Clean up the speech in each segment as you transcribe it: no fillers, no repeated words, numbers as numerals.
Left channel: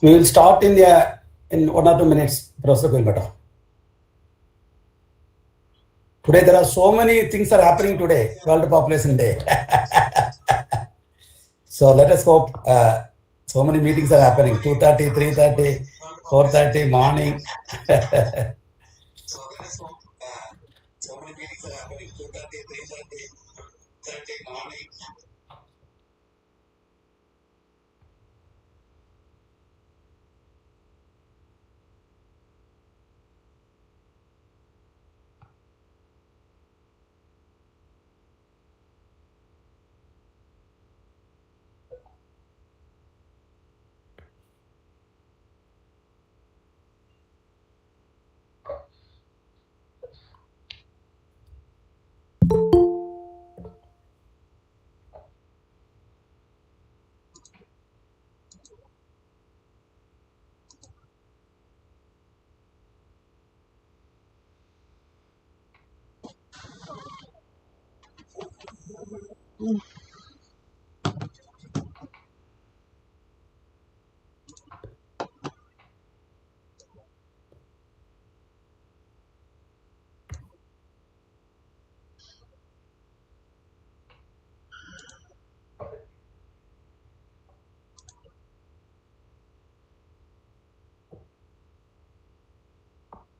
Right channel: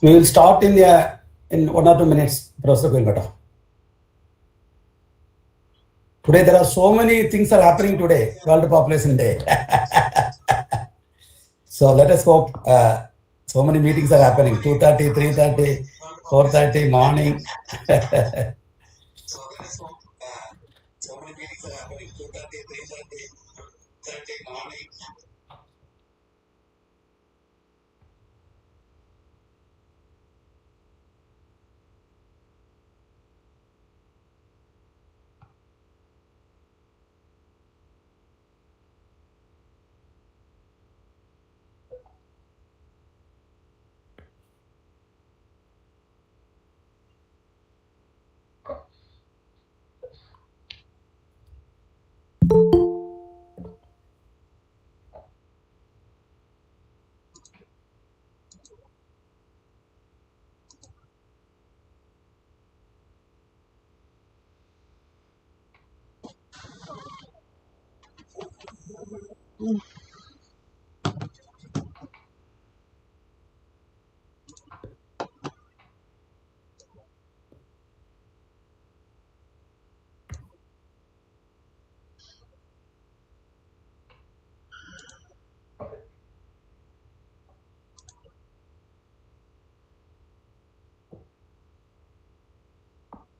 We will start in 1 or 2 minutes, Professor GUILMOTO. Today there are so many things are happening today, World Population Day. So let us hope so many meetings are happening, 2:30, 3:30, 4:30 morning. So let us hope so many meetings are happening, 2:30, 3:30, 4:30 morning.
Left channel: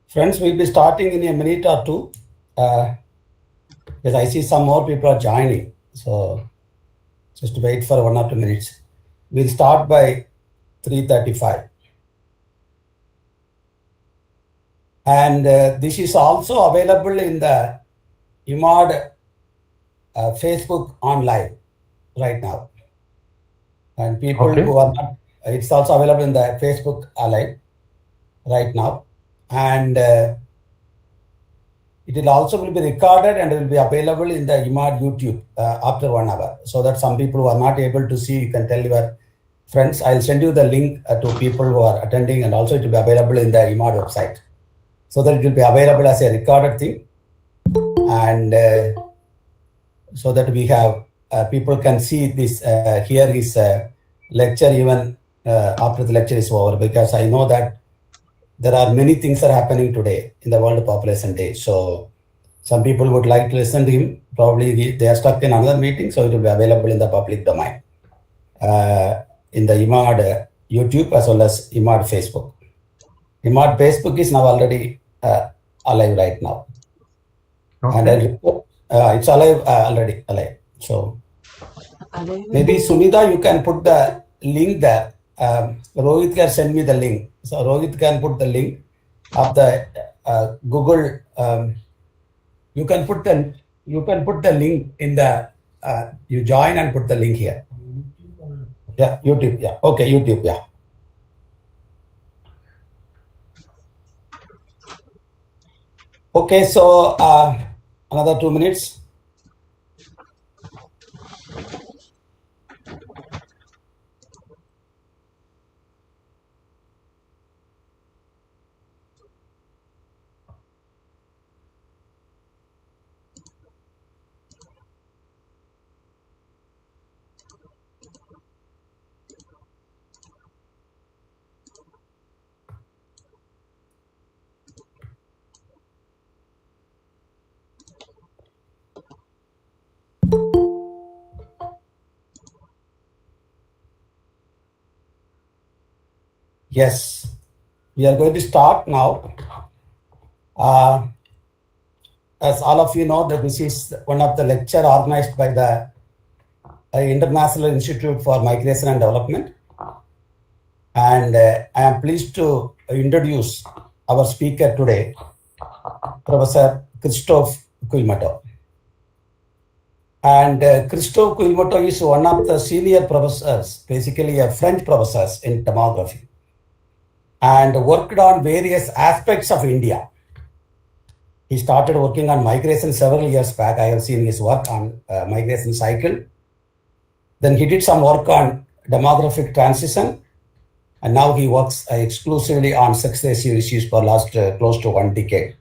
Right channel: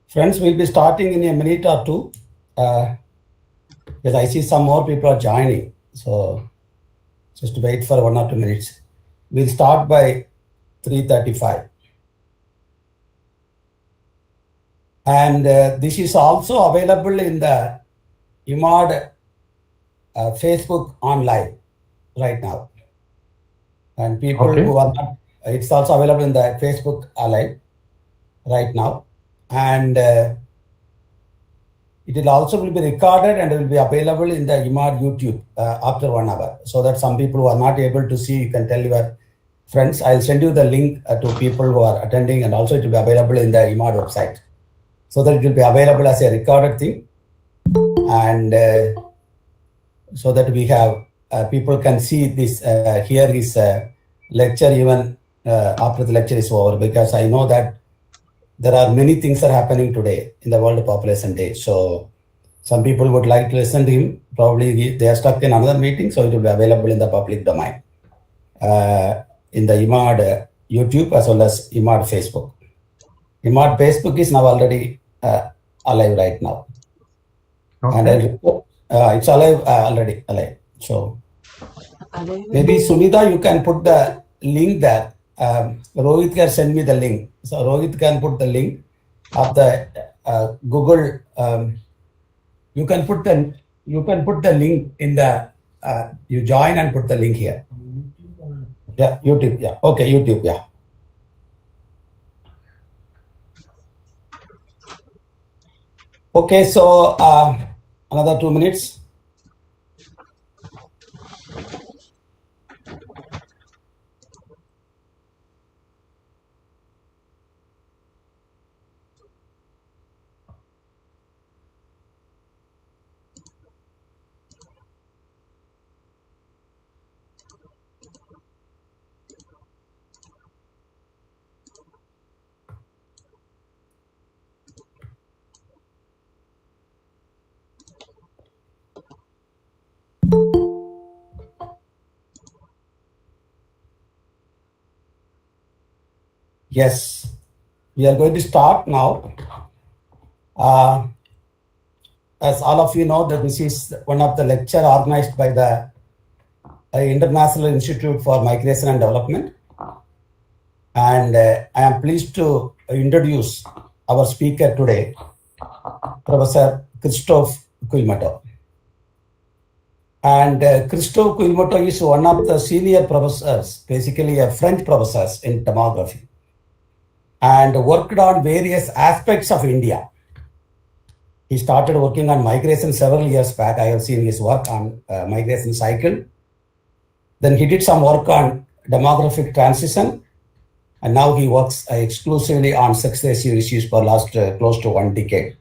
Friends, we'll be starting in a minute or two. Because I see some more people are joining. So just wait for 1 or 2 minutes. We'll start by 3:35. And this is also available in the IIMAD Facebook online right now. And people who are not, it's also available in the Facebook live right now. And it will also be recorded and will be available in the IIMAD YouTube after 1 hour. So that some people who are not able to see, you can tell your friends. I'll send you the link to people who are attending, and also it will be available in the IIMAD website. So that it will be available as a recorded thing. And so that we have, people can see this, hear his lecture even after the lecture is over, because I know that there are many things are happening today in the World Population Day. So some people would like to listen to him. Probably they are stuck in another meeting, so it will be available in the public domain, in the IIMAD YouTube as well as IIMAD Facebook. IIMAD Facebook is now already alive right now. And it's alive already alive. So maybe Sunita, you can put the link there. Rohit can send me the link. So Rohit can put the link of the Google. You can put the link in the you join and put the link here. Yeah, YouTube. Yeah, okay, YouTube. Yeah. Okay, so another 2 minutes. Yes, we are going to start now. As all of you know, that this is one of the lecture organized by the International Institute for Migration and Development. And I am pleased to introduce our speaker today, Professor CHRISTOPHE GUILMOTO. And CHRISTOPHE GUILMOTO is one of the senior professors, basically a French professor in demography, and worked on various aspects of India. He started working on migration several years back. I have seen his work on migration cycle. Then he did some work on demographic transition, and now he works exclusively on sex ratio issues for last close to 1 decade.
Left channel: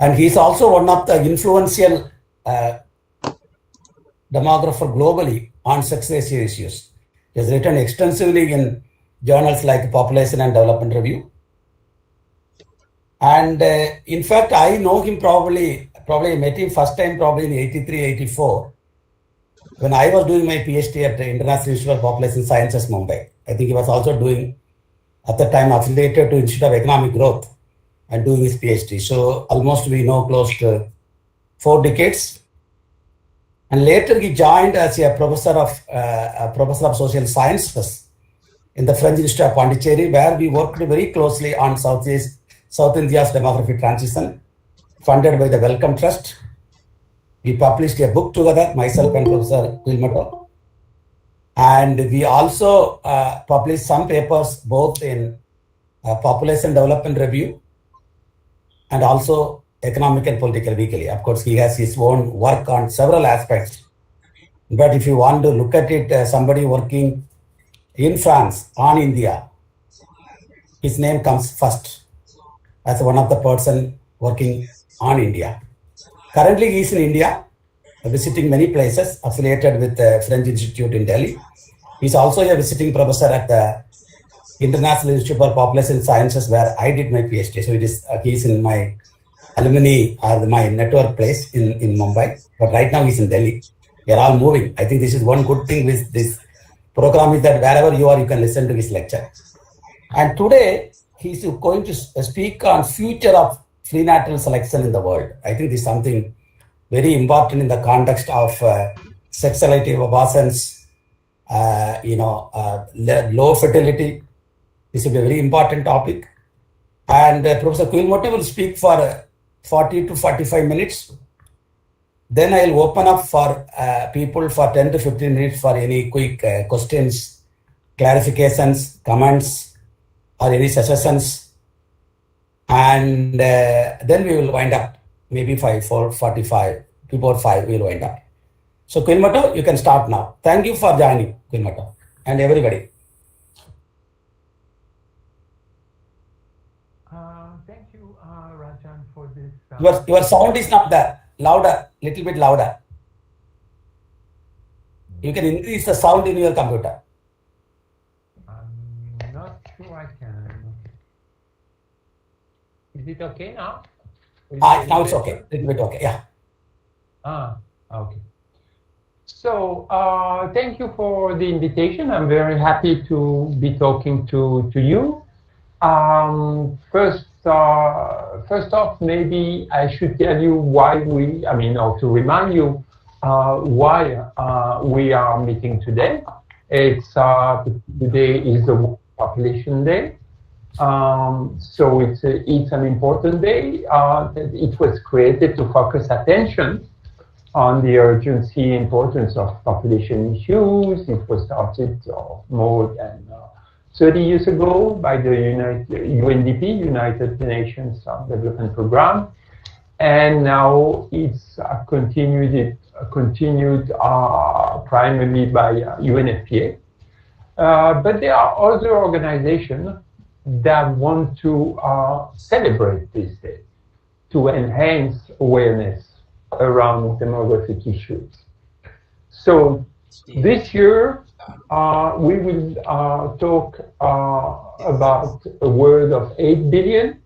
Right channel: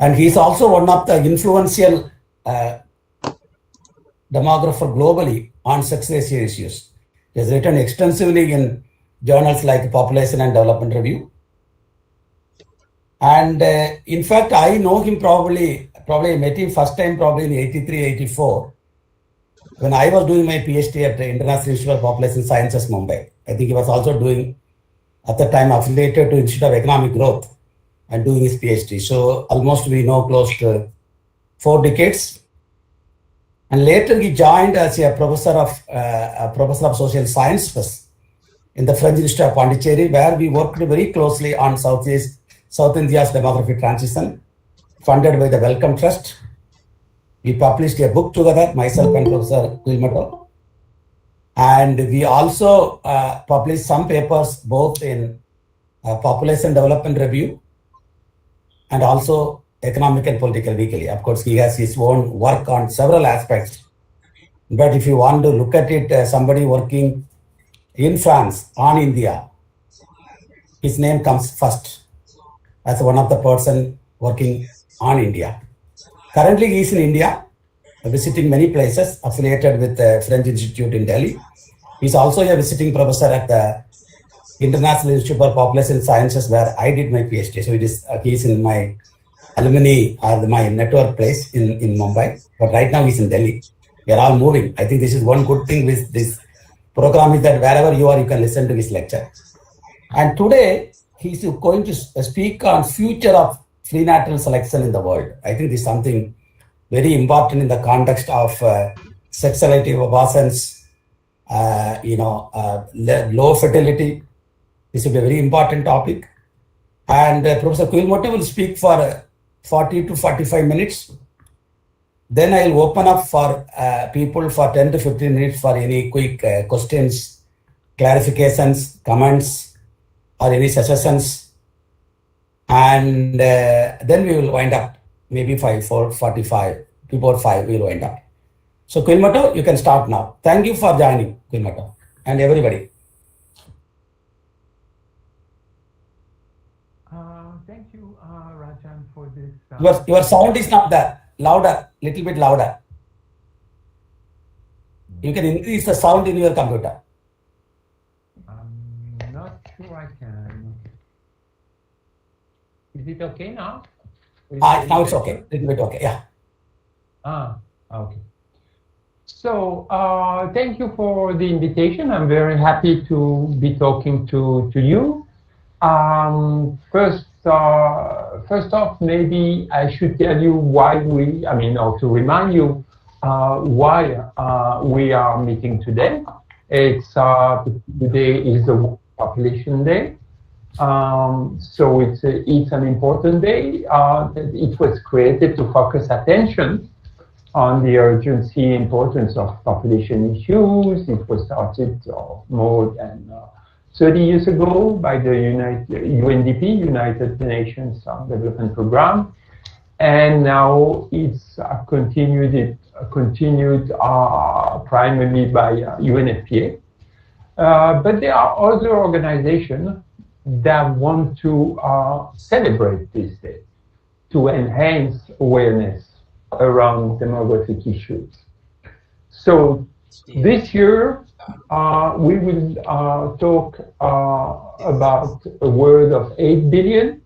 And he's also one of the influential demographer globally on sex ratio issues. He has written extensively in journals like Population and Development Review. And in fact, I know him probably I met him first time probably in 83, 84, when I was doing my PhD at the International Institute of Population Sciences, Mumbai. I think he was also doing, at the time, affiliated to Institute of Economic Growth and doing his PhD. So almost we know close to 4 decades. And later he joined as a professor of social sciences in the French Institute of Pondicherry, where we worked very closely on South India's demographic transition, funded by the Wellcome Trust. We published a book together, myself and Professor GUILMOTO. And we also published some papers both in Population Development Review and also Economic and Political Weekly. Of course, he has his own work on several aspects. But if you want to look at it, somebody working in France on India, his name comes first as one of the person working on India. Currently, he is in India, visiting many places, affiliated with the French Institute in Delhi. He's also a visiting professor at the International Institute for Population Sciences, where I did my PhD. So it is he's in my alumni or my network place in Mumbai. But right now he's in Delhi. We are all moving. I think this is one good thing with this program is that wherever you are, you can listen to his lecture. And today, he's going to speak on future of prenatal selection in the world. I think this is something very important in the context of sexuality abortions, low fertility. This will be a very important topic. And Professor GUILMOTO will speak for 40 to 45 minutes. Then I'll open up for people for 10 to 15 minutes for any quick questions, clarifications, comments, or any suggestions. And then we will wind up, maybe 4:45, before 5, we will wind up. So GUILMOTO, you can start now. Thank you for joining, GUILMOTO, and everybody. Thank you, Rajan, for this. Your sound is not there. Louder, little bit louder. You can increase the sound in your computer. I'm not sure I can. Is it okay now? Now it's okay. Little bit okay. Yeah. Okay. So thank you for the invitation. I'm very happy to be talking to you. First off, maybe I should tell you why or to remind you why we are meeting today. Today is the Population Day. So it's an important day. It was created to focus attention on the urgency importance of population issues. It was started more than 30 years ago by the UNDP, United Nations Development Program, and now it's continued primarily by UNFPA. But there are other organizations that want to celebrate this day to enhance awareness around demographic issues. So this year, we will talk about a world of 8 billion.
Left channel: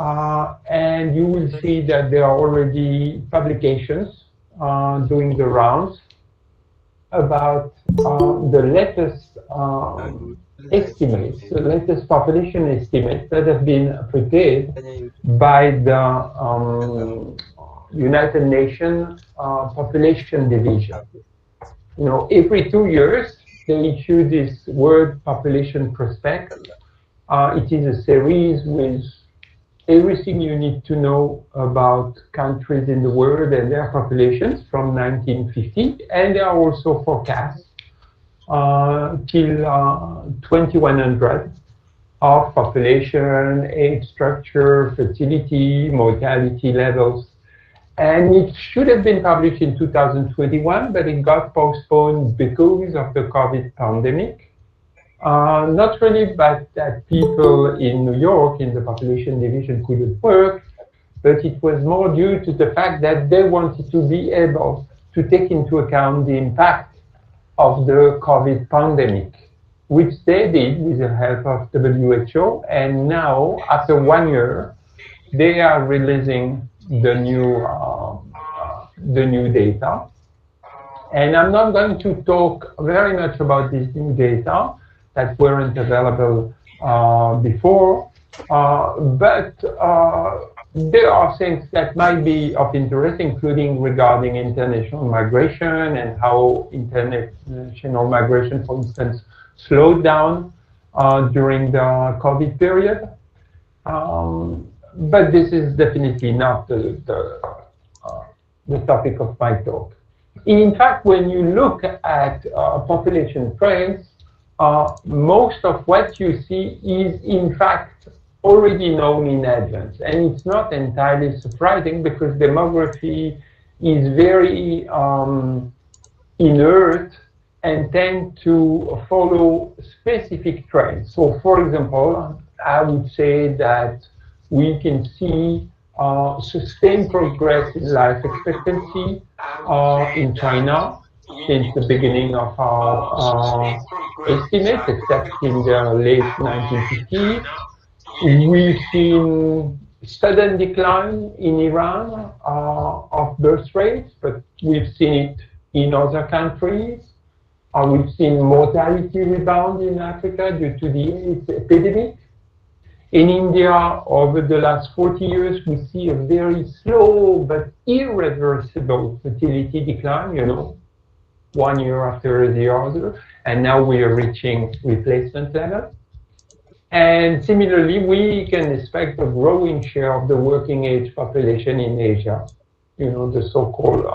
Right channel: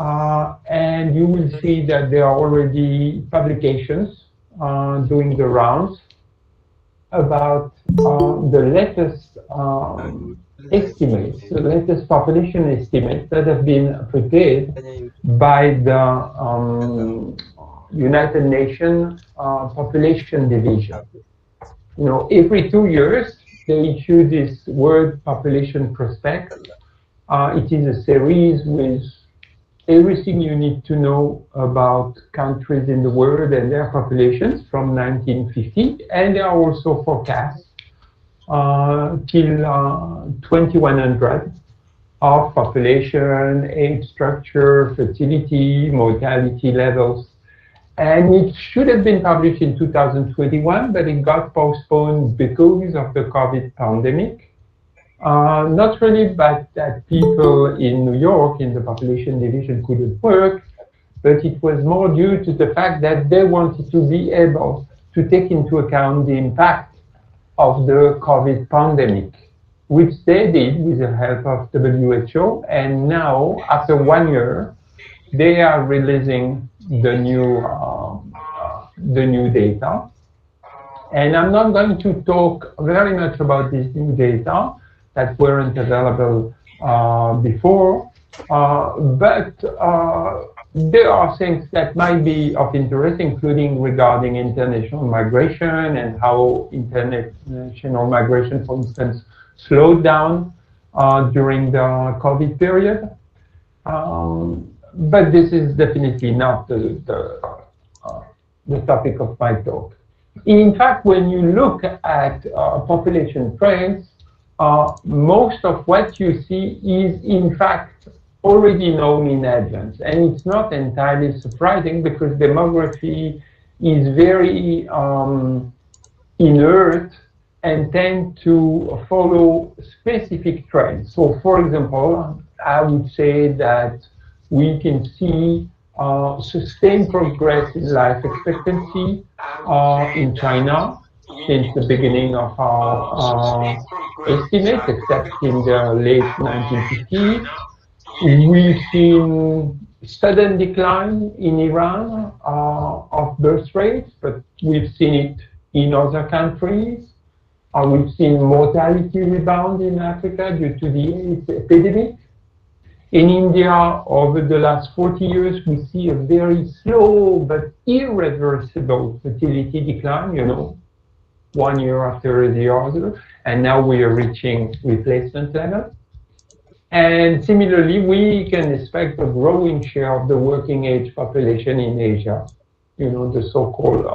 And you will see that there are already publications doing the rounds about the latest estimates, the latest population estimates that have been prepared by the United Nations Population Division. Every 2 years, they issue this World Population Prospect. It is a series with everything you need to know about countries in the world and their populations from 1950, and there are also forecasts till 2100 of population, age structure, fertility, mortality levels. And it should have been published in 2021, but it got postponed because of the COVID pandemic. Not really but that people in New York in the population division couldn't work, but it was more due to the fact that they wanted to be able to take into account the impact of the COVID pandemic which they did with the help of WHO, and now, after 1 year, they are releasing the new data. And I'm not going to talk very much about this new data that weren't available before, but there are things that might be of interest, including regarding international migration and how international migration, for instance, slowed down during the COVID period. But this is definitely not the topic of my talk. In fact, when you look at population trends, most of what you see is in fact already known in advance. And it's not entirely surprising because demography is very inert and tend to follow specific trends. So for example, I would say that we can see sustained progress in life expectancy in China since the beginning of our estimates, except in the late 1950s. We've seen sudden decline in Iran of birth rates, but we've seen it in other countries. We've seen mortality rebound in Africa due to the AIDS epidemic. In India, over the last 40 years, we see a very slow but irreversible fertility decline, 1 year after the other, and now we are reaching replacement level. And similarly, we can expect a growing share of the working age population in Asia, the so-called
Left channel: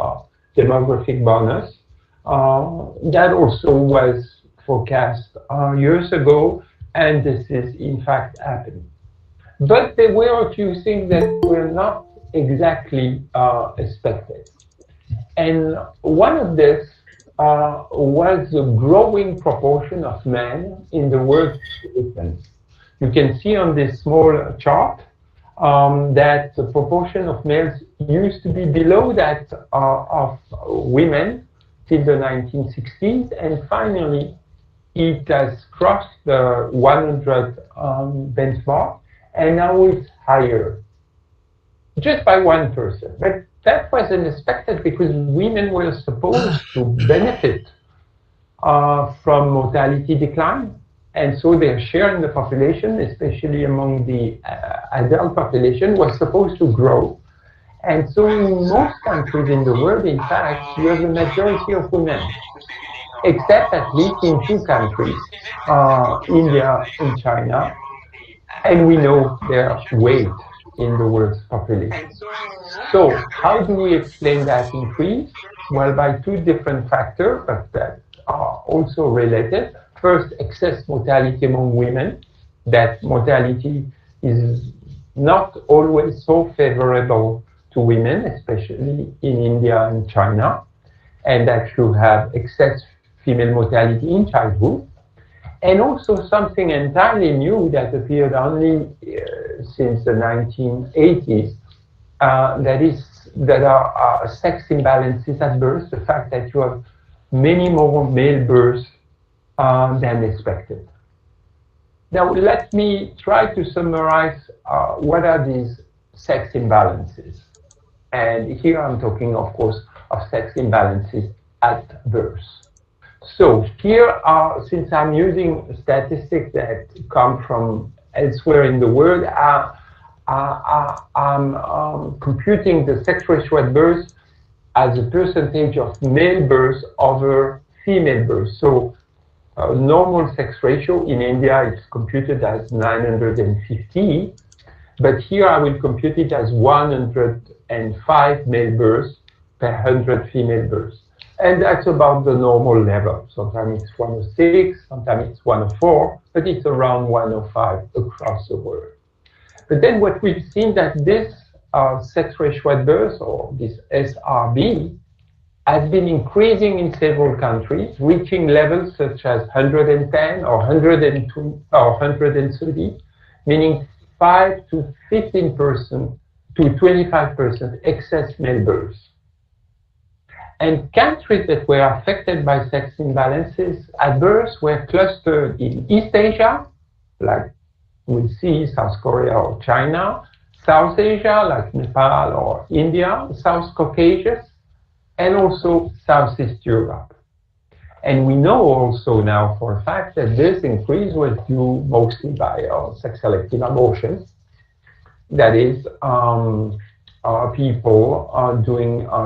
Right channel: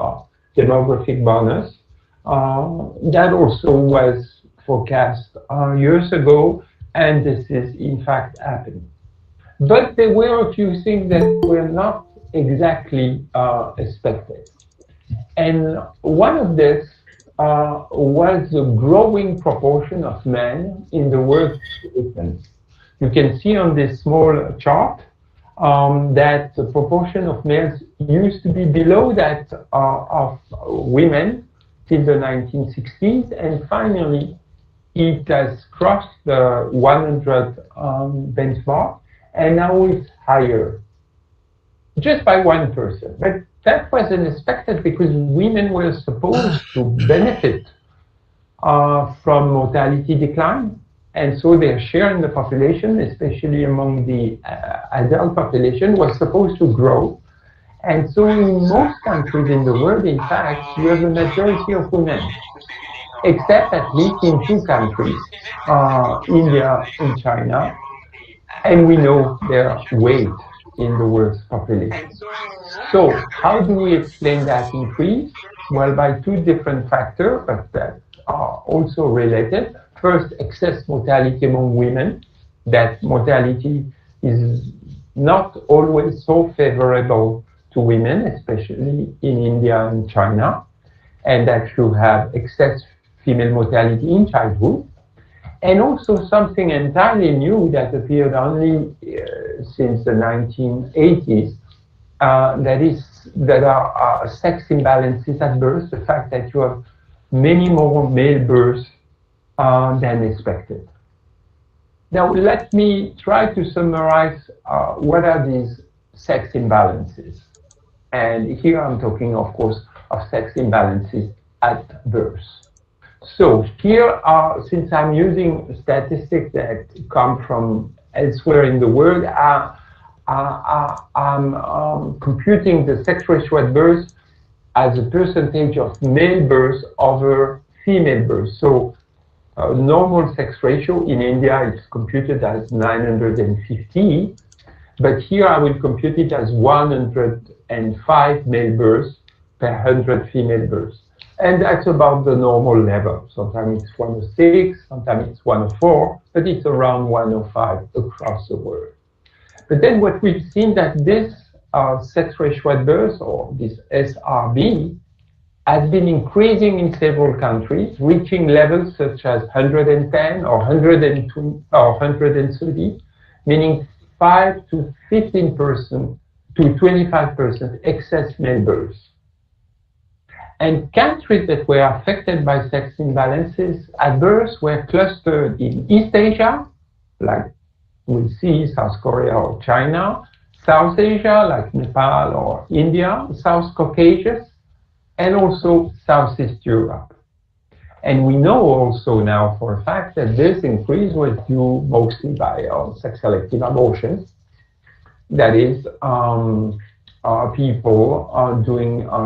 demographic bonus. That also was forecast years ago, and this is in fact happening. But there were a few things that were not exactly expected. And one of this was the growing proportion of men in the workforce. You can see on this small chart that the proportion of males used to be below that of women till the 1960s, and finally it has crossed the 100 benchmark, and now it's higher, just by 1%. But that was unexpected because women were supposed to benefit from mortality decline, and so their share in the population, especially among the adult population, was supposed to grow. And so in most countries in the world, in fact, you have a majority of women, except at least in 2 countries, India and China, and we know their weight in the world's population. So how do we explain that increase? Well, by 2 different factors, but that are also related. First, excess mortality among women. That mortality is not always so favorable to women, especially in India and China, and that you have excess female mortality in childhood. And also something entirely new that appeared only since the 1980s, that are sex imbalances at birth, the fact that you have many more male births than expected. Now, let me try to summarize what are these sex imbalances. And here I'm talking, of course, of sex imbalances at birth. So here, since I'm using statistics that come from elsewhere in the world, I'm computing the sex ratio at birth as a percentage of male births over female births. So normal sex ratio in India is computed as 950, but here I will compute it as 105 male births per 100 female births. And that's about the normal level. Sometimes it's 106, sometimes it's 104, but it's around 105 across the world. But then what we've seen that this sex ratio at birth, or this SRB, has been increasing in several countries, reaching levels such as 110 or 102 or 130, meaning 5 to 15% to 25% excess male births. And countries that were affected by sex imbalances at birth were clustered in East Asia, like we see South Korea or China, South Asia, like Nepal or India, South Caucasus, and also Southeast Europe. And we know also now for a fact that this increase was due mostly by sex-selective abortions. That is, people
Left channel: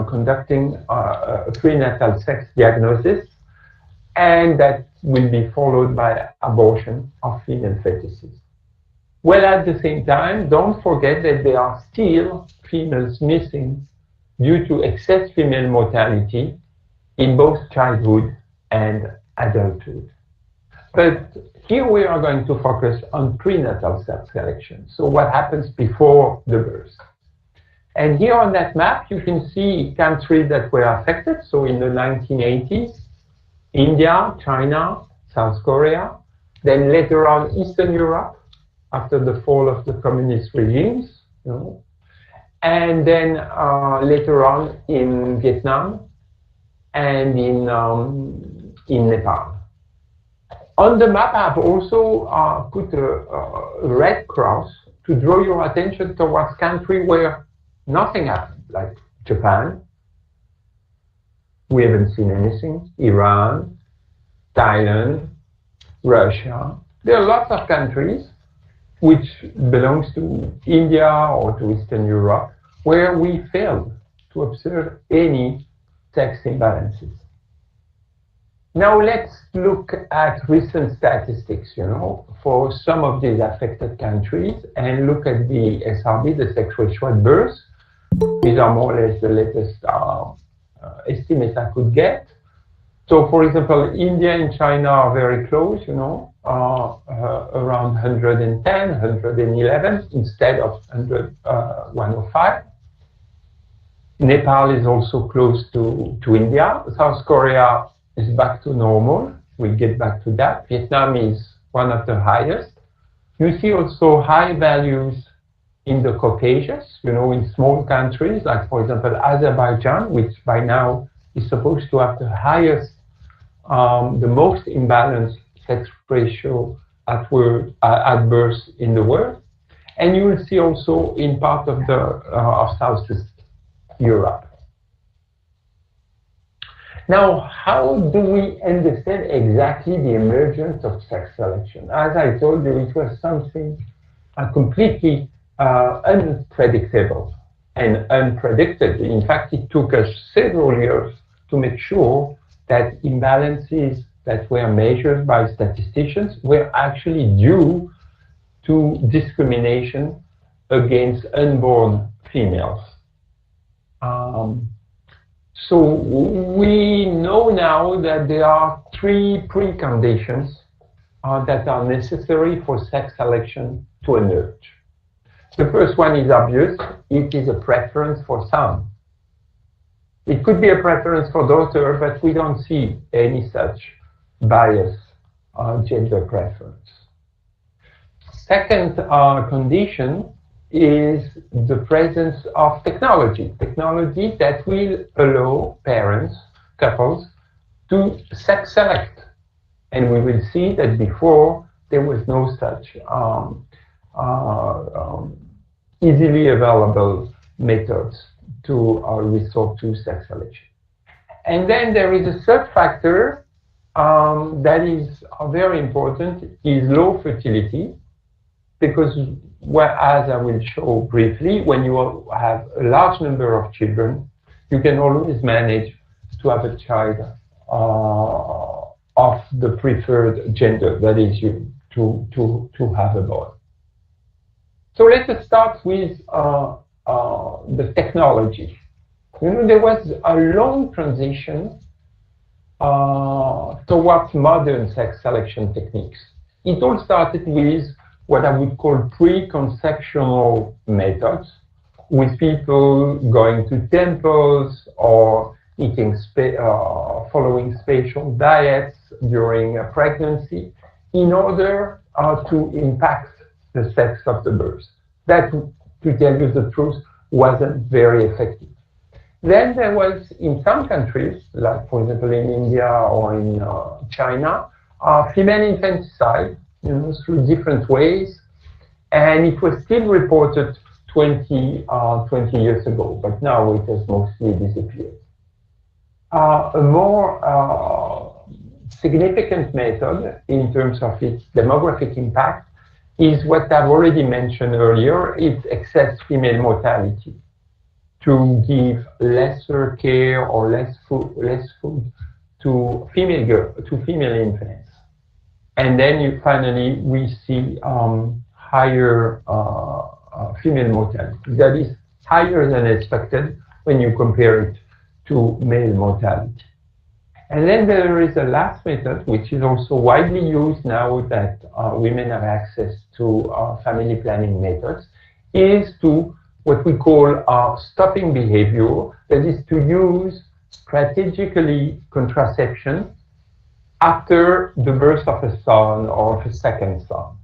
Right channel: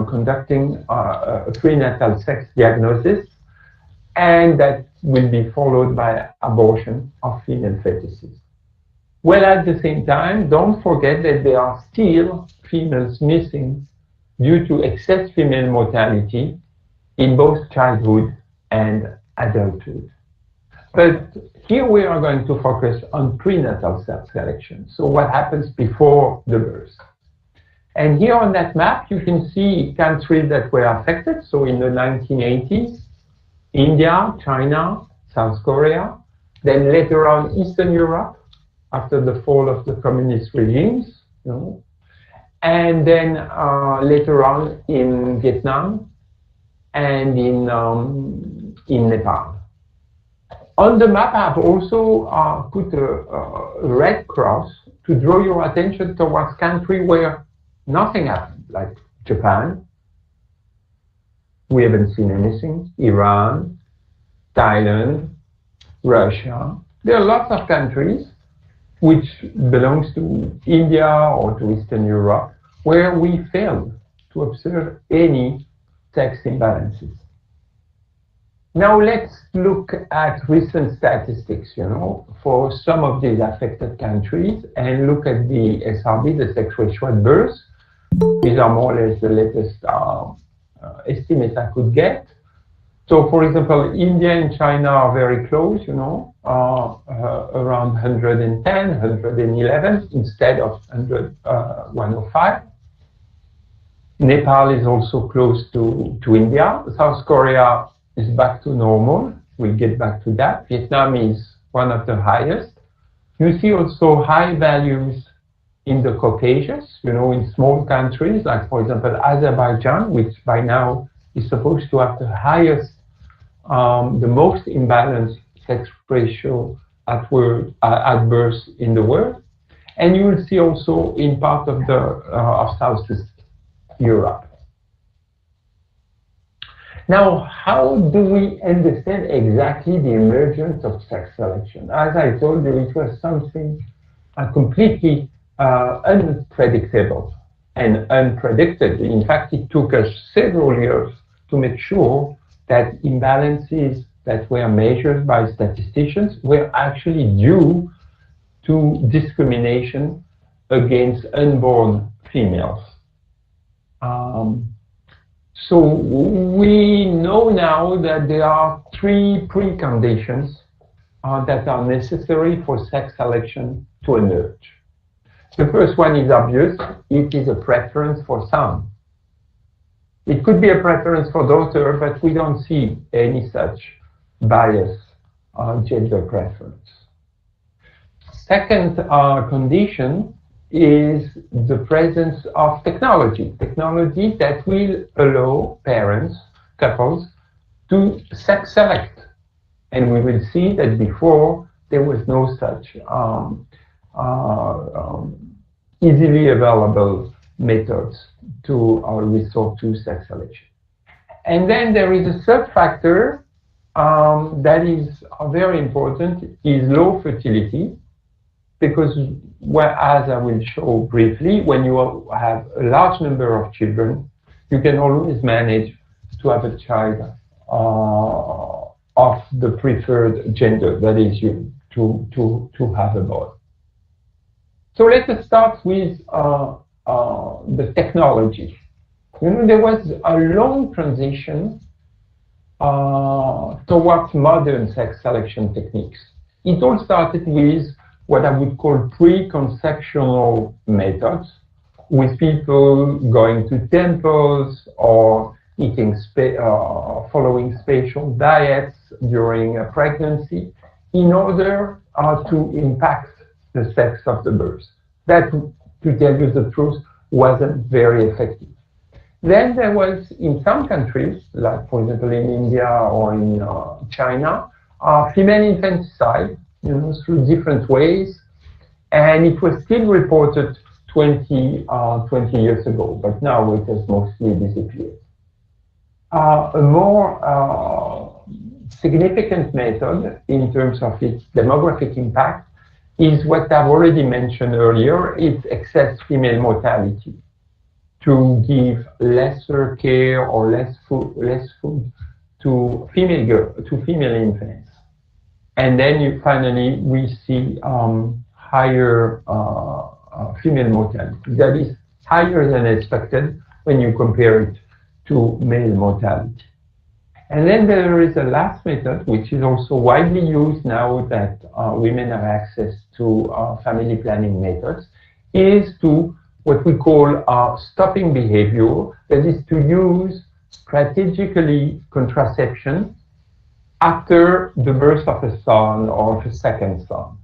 conducting prenatal sex diagnosis, and that will be followed by abortion of female fetuses. Well, at the same time, don't forget that there are still females missing due to excess female mortality in both childhood and adulthood. But here we are going to focus on prenatal sex selection. So what happens before the birth? And here on that map, you can see countries that were affected. So in the 1980s, India, China, South Korea, then later on Eastern Europe, after the fall of the communist regimes, and then later on in Vietnam and in Nepal. On the map, I've also put a red cross to draw your attention towards countries where nothing happened, like Japan. We haven't seen anything. Iran, Thailand, Russia. There are lots of countries which belongs to India or to Eastern Europe where we failed to observe any sex imbalances. Now let's look at recent statistics, for some of these affected countries, and look at the SRB, the sex ratio at birth. These are more or less the latest estimates I could get. So, for example, India and China are very close, around 110, 111 instead of 105. Nepal is also close to India. South Korea is back to normal. We'll get back to that. Vietnam is one of the highest. You see also high values in the Caucasus, in small countries, like, for example, Azerbaijan, which by now is supposed to have the highest, the most imbalanced sex ratio at birth in the world. And you will see also in part of of Southeast Europe. Now, how do we understand exactly the emergence of sex selection? As I told you, it was something completely unpredictable and unpredicted. In fact, it took us several years to make sure that imbalances that were measured by statisticians were actually due to discrimination against unborn females. So we know now that there are three preconditions that are necessary for sex selection to emerge. The first one is obvious. It is a preference for son. It could be a preference for daughter, but we don't see any such bias gender preference. Second condition is the presence of technology that will allow parents, couples, to sex select. And we will see that before there was no such easily available methods to resort to sex selection. And then there is a third factor that is very important, is low fertility, because as I will show briefly, when you have a large number of children, you can always manage to have a child of the preferred gender, that is you, to have a boy. So let us start with the technology. There was a long transition towards modern sex selection techniques. It all started with what I would call pre-conceptional methods, with people going to temples or eating following special diets during a pregnancy in order to impact the sex of the birth. That, to tell you the truth, wasn't very effective. Then there was, in some countries, like for example in India or in China, female infanticide, through different ways, and it was still reported 20 years ago, but now it has mostly disappeared. A more significant method in terms of its demographic impact is what I've already mentioned earlier, it's excess female mortality, to give lesser care or less food to female infants. And then finally we see higher female mortality. That is higher than expected when you compare it to male mortality. And then there is a last method, which is also widely used now that women have access to family planning methods, is to what we call stopping behavior, that is to use strategically contraception after the birth of a son or of a second son,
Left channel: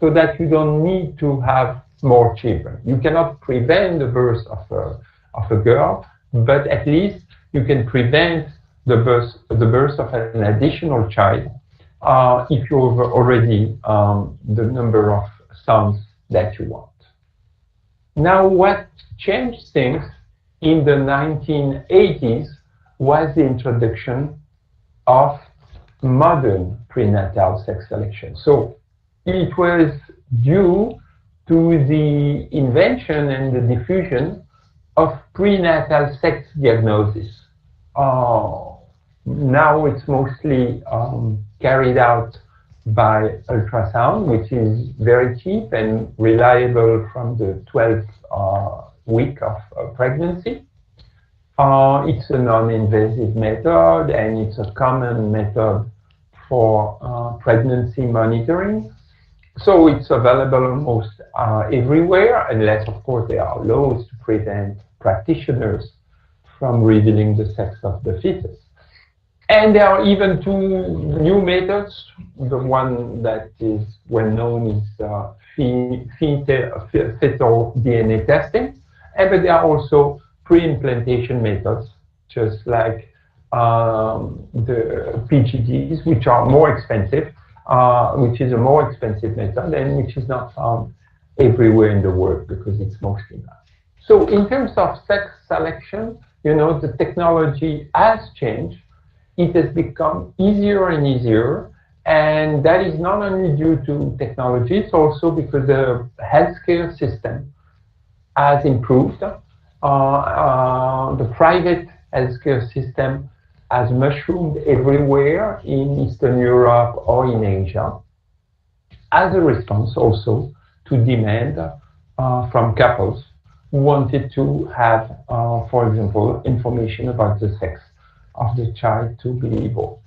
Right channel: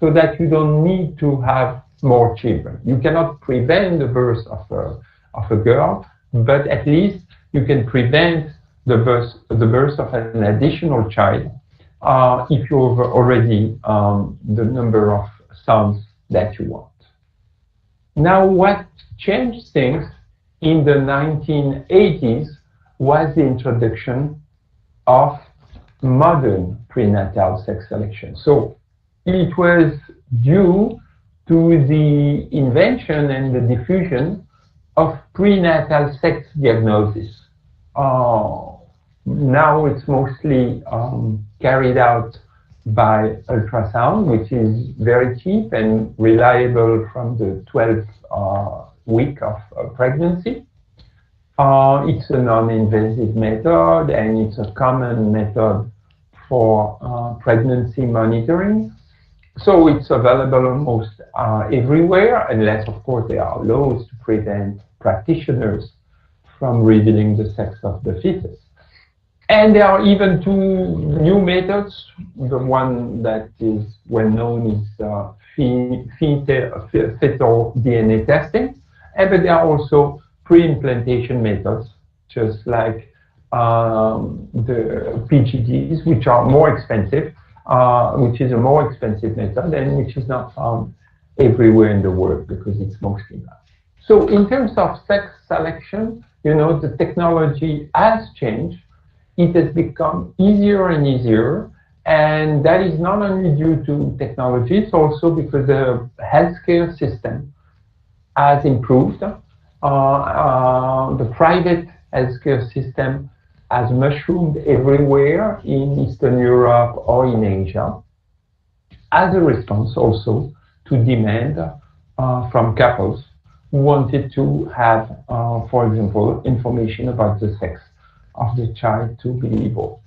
so that you don't need to have more children. You cannot prevent the birth of a girl, but at least you can prevent the birth of an additional child if you have already the number of sons that you want. Now, what changed things in the 1980s was the introduction of modern prenatal sex selection. So it was due to the invention and the diffusion of prenatal sex diagnosis. Now it's mostly carried out by ultrasound, which is very cheap and reliable from the 12th week of pregnancy. It's a non-invasive method, and it's a common method for pregnancy monitoring. So it's available almost everywhere, unless, of course, there are laws to prevent practitioners from revealing the sex of the fetus. And there are even two new methods. The one that is well known is fetal DNA testing, but there are also pre-implantation methods, just like the PGDs, which are more expensive, which is a more expensive method and which is not found everywhere in the world because it's mostly not. So in terms of sex selection, the technology has changed. It has become easier and easier, and that is not only due to technology, it's also because the healthcare system has improved. The private healthcare system has mushroomed everywhere in Eastern Europe or in Asia, as a response also to demand from couples who wanted to have, for example, information about the sex of the child to be able.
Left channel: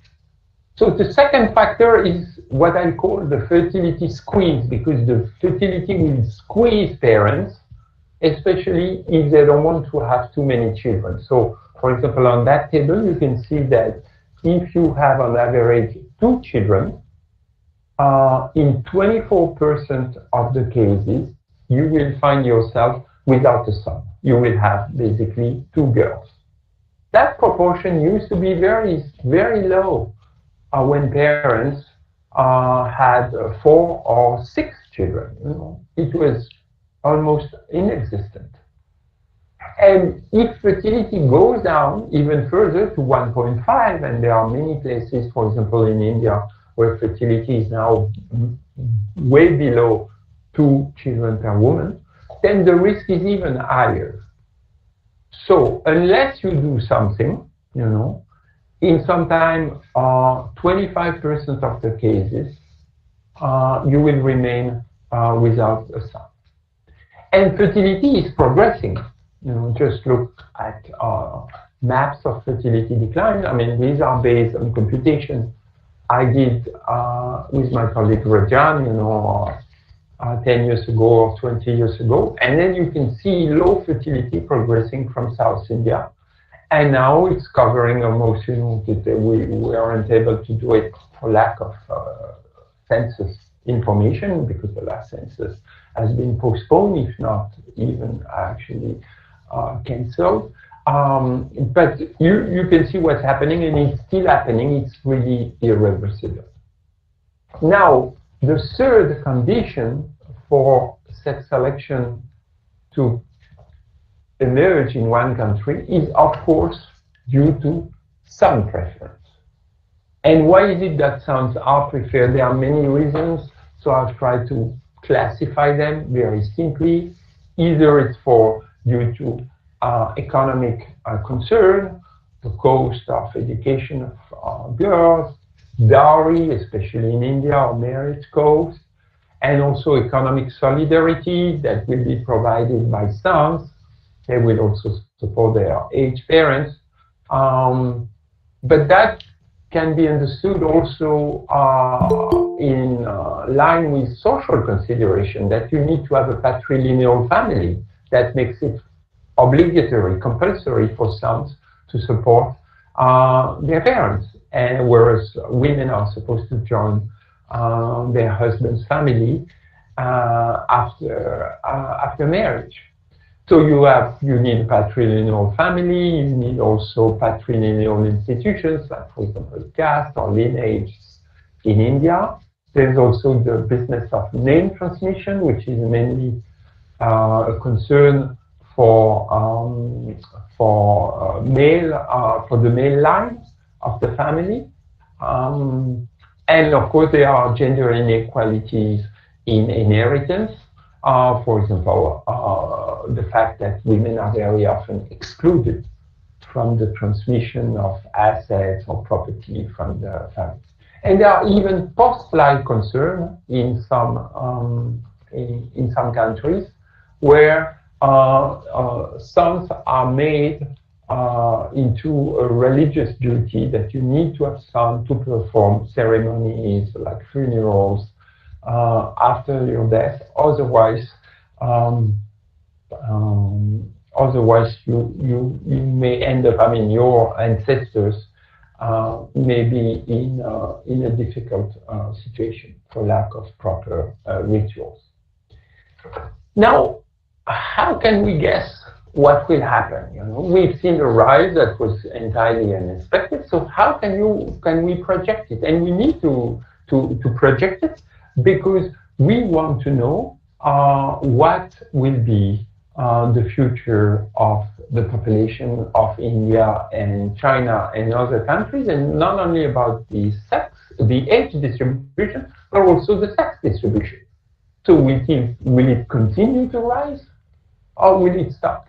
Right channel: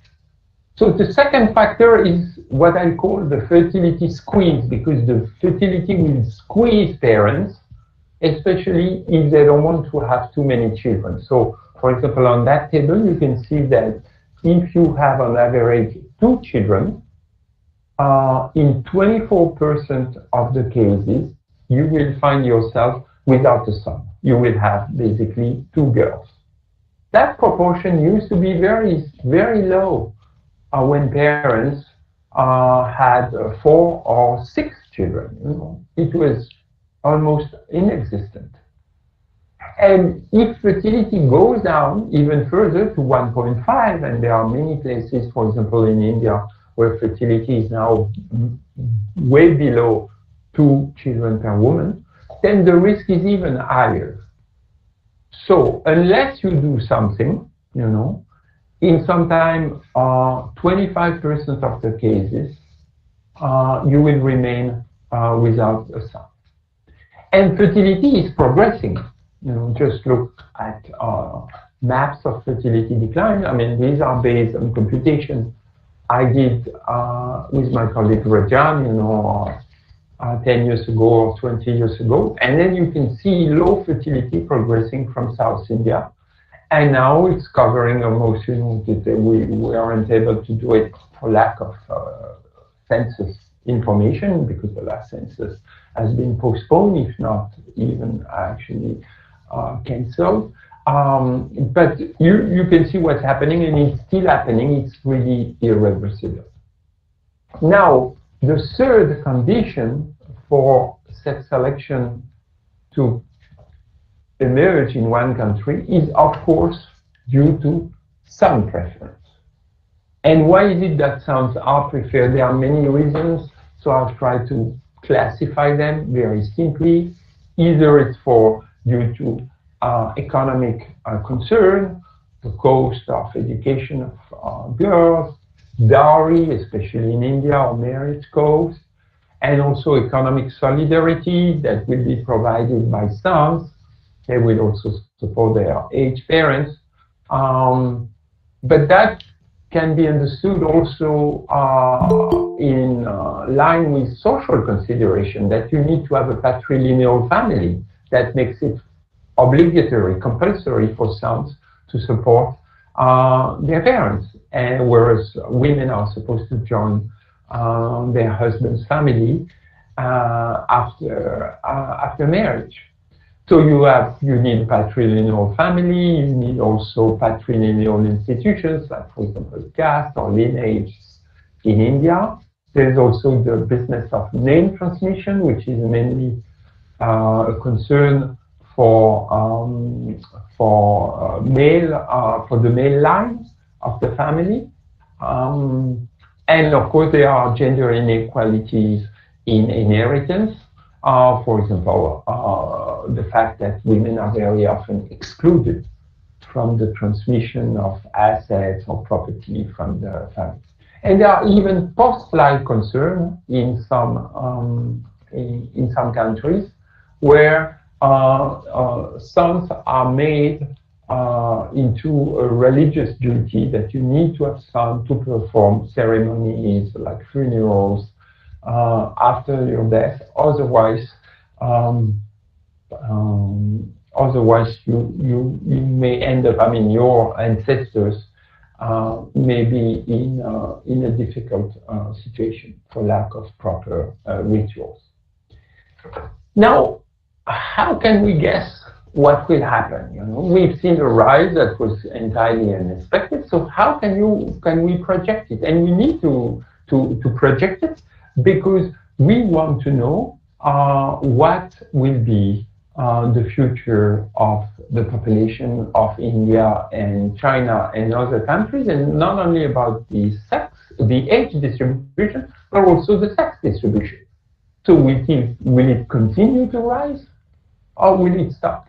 So the second factor is what I call the fertility squeeze, because the fertility will squeeze parents, especially if they don't want to have too many children. So, for example, on that table, you can see that if you have on average 2 children, in 24% of the cases, you will find yourself without a son. You will have basically 2 girls. That proportion used to be very, very low when parents had 4 or 6 children. It was almost inexistent. And if fertility goes down even further to 1.5, and there are many places, for example, in India, where fertility is now way below 2 children per woman, then the risk is even higher. So unless you do something, in some time, 25% of the cases, you will remain without a son. And fertility is progressing. Just look at maps of fertility decline. I mean, these are based on computation I did with my colleague Rajan, 10 years ago or 20 years ago. And then you can see low fertility progressing from South India. And now it's covering almost, we aren't able to do it for lack of census information, because the last census has been postponed, if not even actually cancelled. But you can see what's happening, and it's still happening. It's really irreversible. Now, the third condition for sex selection to emerge in one country is, of course, due to some preference. And why is it that sons are preferred? There are many reasons, so I'll try to classify them very simply. Either it's due to economic concern, the cost of education of girls, dowry, especially in India, or marriage cost, and also economic solidarity that will be provided by sons. They will also support their aged parents. But that can be understood also in line with social consideration, that you need to have a patrilineal family that makes it obligatory, compulsory for sons to support their parents, and whereas women are supposed to join their husband's family after marriage. So you need a patrilineal family, you need also patrilineal institutions, like for example caste or lineage in India. There's also the business of name transmission, which is mainly a concern for the male line of the family. And of course there are gender inequalities in inheritance. For example, the fact that women are very often excluded from the transmission of assets or property from the family. And there are even post-life concerns in some countries where sons are made into a religious duty, that you need to have sons to perform ceremonies like funerals after your death. Otherwise, you may end up, your ancestors may be in a difficult situation for lack of proper rituals. Now, how can we guess what will happen? We've seen a rise that was entirely unexpected. So how can we project it? And we need to project it, because we want to know what will be the future of the population of India and China and other countries, and not only about the age distribution, but also the sex distribution. So will it continue to rise, or will it stop?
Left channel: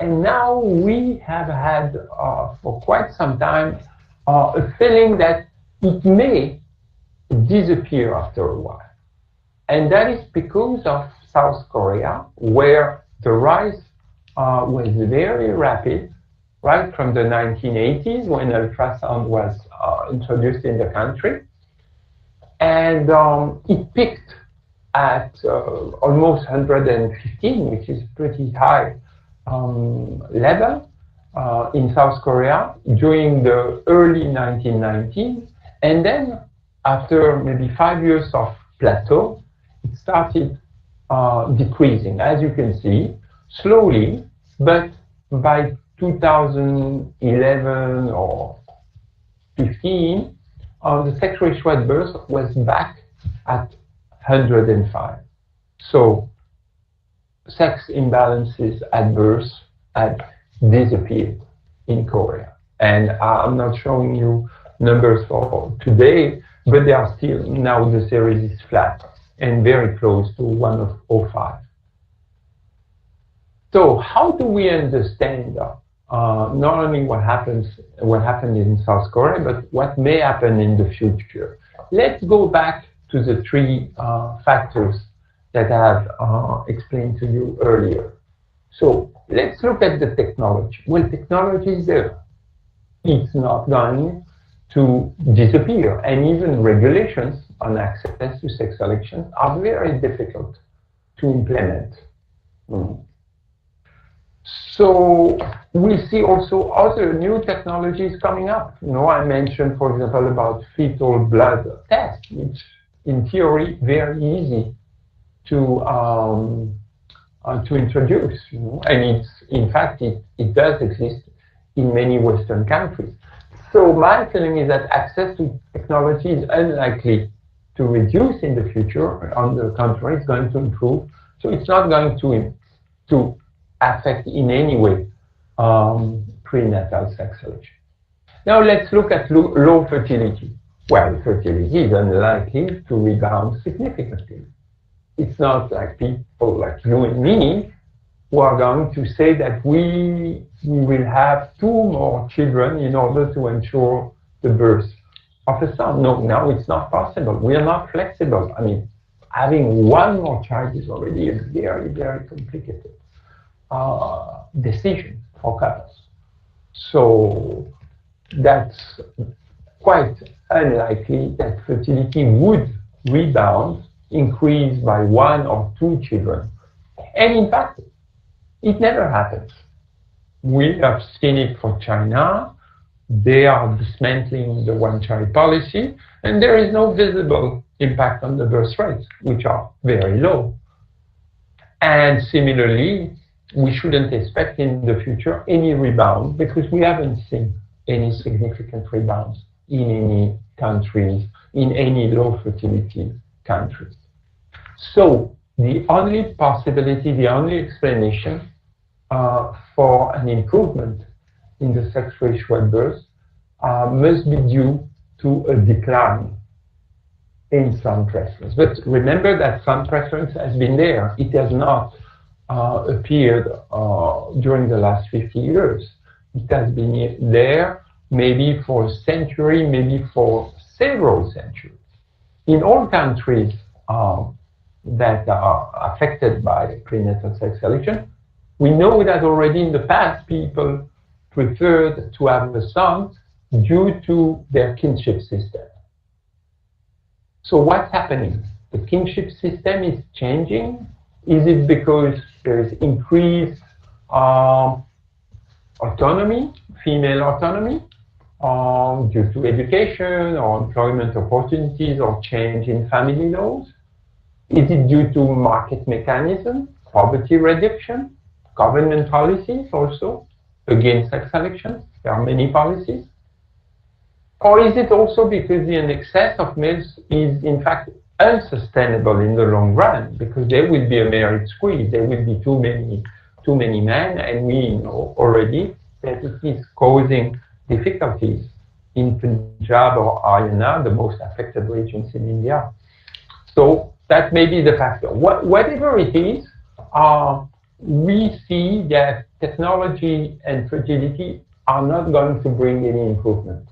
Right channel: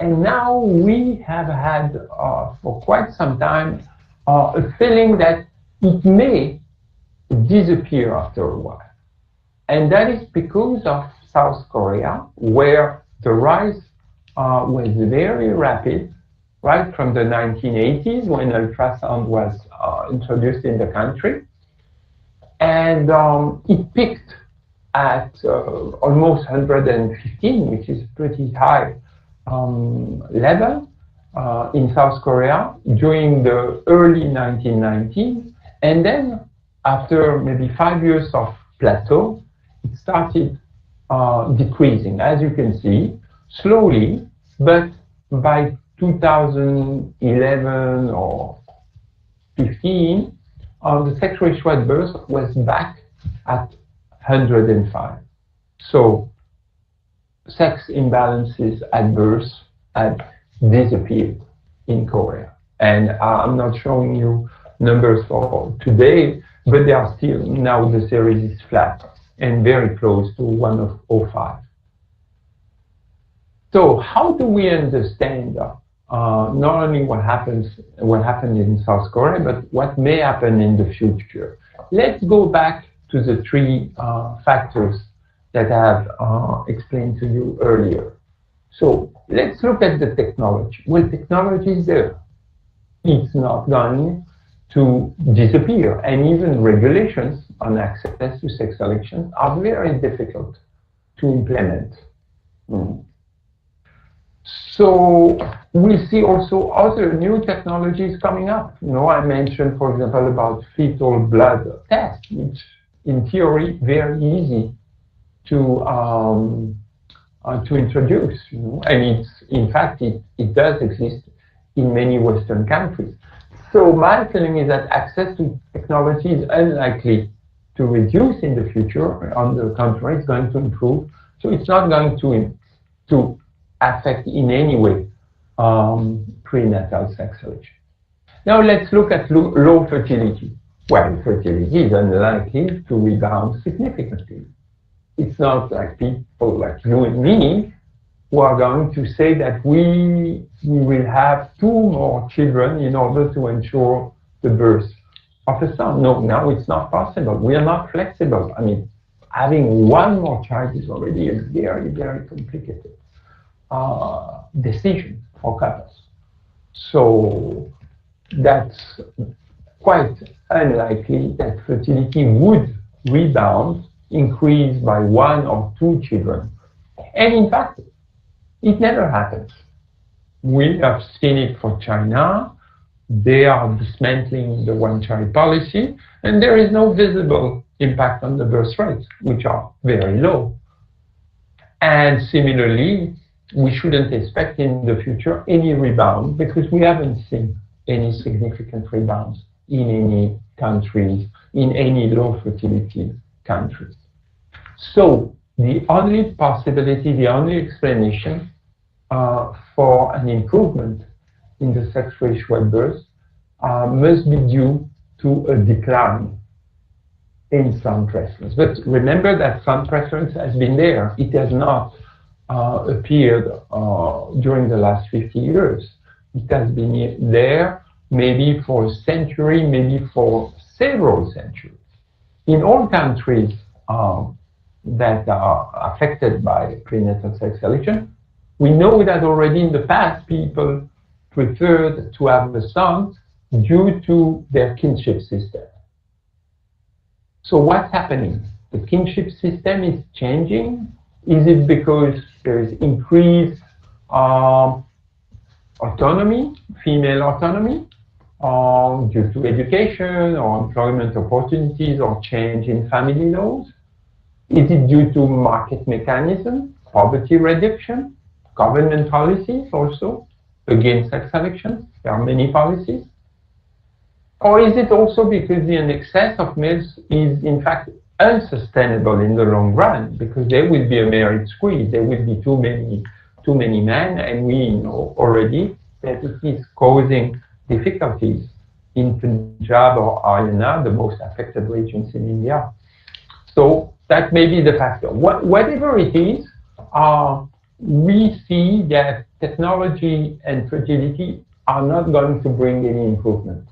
And now we have had for quite some time a feeling that it may disappear after a while. And that is because of South Korea, where the rise was very rapid, right from the 1980s, when ultrasound was introduced in the country. And it peaked at almost 115, which is pretty high level in South Korea during the early 1990s. And then after maybe 5 years of plateau, it started decreasing, as you can see, slowly, but by 2011 or 15, the sex ratio at birth was back at 105. So sex imbalances at birth had disappeared in Korea. And I'm not showing you numbers for today, but they are still, now the series is flat and very close to 105. So how do we understand not only what happened in South Korea, but what may happen in the future? Let's go back to the three factors that I have explained to you earlier. So let's look at the technology. Well, technology is there. It's not going to disappear, and even regulations on access to sex selection are very difficult to implement. So we see also other new technologies coming up. I mentioned, for example, about fetal blood tests, which in theory very easy to to introduce, and it's, in fact, it does exist in many Western countries. So my feeling is that access to technology is unlikely to reduce in the future. On the contrary, it's going to improve. So it's not going to affect in any way prenatal sex selection. Now let's look at low fertility. Well, fertility is unlikely to rebound significantly. It's not like people like you and me who are going to say that we will have 2 more children in order to ensure the birth of a son. No, now it's not possible. We are not flexible. I mean, having 1 more child is already a very, very complicated decision for couples. So that's quite unlikely that fertility would rebound, increase by 1 or 2 children. And in fact, it never happens. We have seen it for China. They are dismantling the one-child policy, and there is no visible impact on the birth rates, which are very low. And similarly, we shouldn't expect in the future any rebound, because we haven't seen any significant rebounds in any countries, in any low fertility countries. So the only possibility, the only explanation for an improvement in the sex ratio at birth must be due to a decline in son preference. But remember that son preference has been there. It has not appeared during the last 50 years. It has been there maybe for a century, maybe for several centuries. In all countries that are affected by prenatal sex selection, we know that already in the past people preferred to have a son due to their kinship system. So what's happening? The kinship system is changing. Is it because there is increased autonomy, female autonomy, due to education or employment opportunities or change in family laws? Is it due to market mechanism, poverty reduction, government policies also against sex selection? There are many policies. Or is it also because the excess of males is in fact unsustainable in the long run, because there will be a merit squeeze, there will be too many men, and we know already that it is causing difficulties in Punjab or Haryana, the most affected regions in India. So that may be the factor. Whatever it is, we see that technology and fertility are not going to bring any improvement.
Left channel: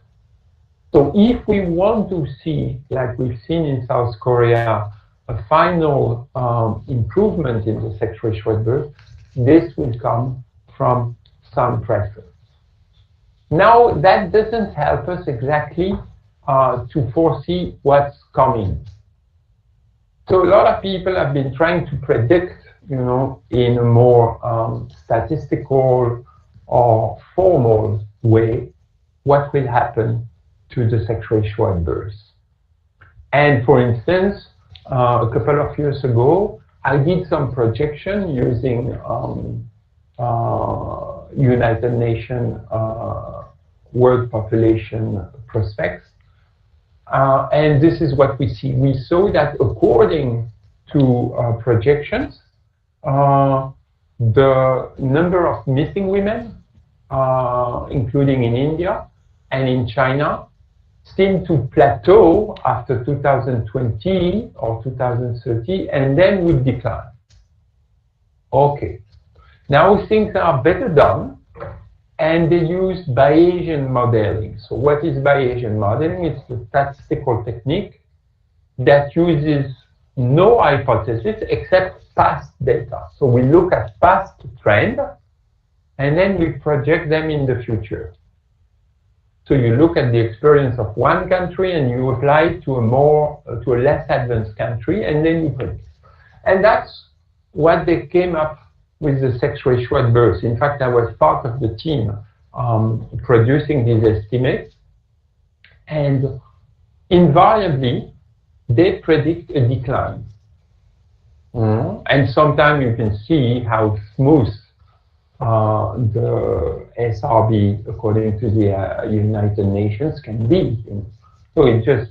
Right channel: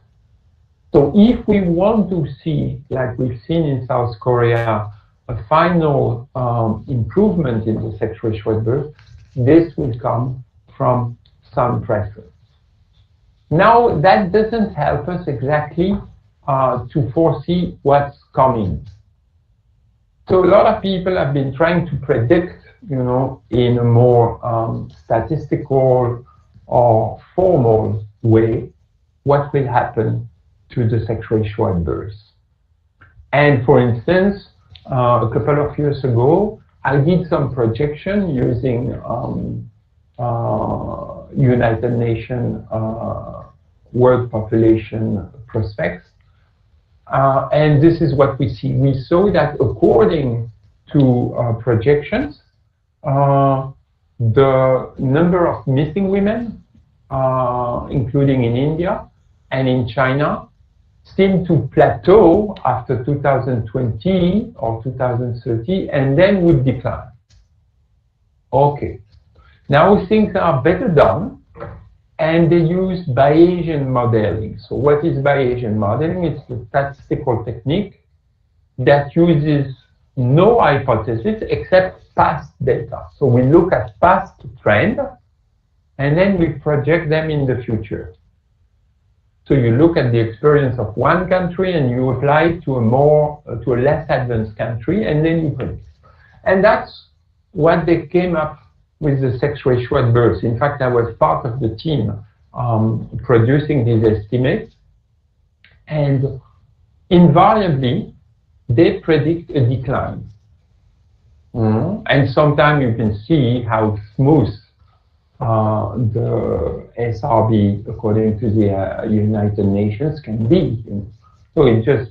So if we want to see, like we've seen in South Korea, a final improvement in the sex ratio at birth, this will come from son preference. Now, that doesn't help us exactly to foresee what's coming. So a lot of people have been trying to predict, in a more statistical or formal way, what will happen to the sex ratio at birth. And for instance, a couple of years ago, I did some projection using United Nations World Population Prospects. And this is what we see. We saw that according to projections, the number of missing women, including in India and in China, seem to plateau after 2020 or 2030 and then would decline. Okay, now things are better done, and they use Bayesian modeling. So what is Bayesian modeling? It's a statistical technique that uses no hypothesis except past data. So we look at past trend and then we project them in the future. So you look at the experience of one country and you apply it to a less advanced country, and then you predict. And that's what they came up with the sex ratio at birth. In fact, I was part of the team producing these estimates, and invariably they predict a decline. And sometimes you can see how smooth the SRB, according to the United Nations, can be. So it's just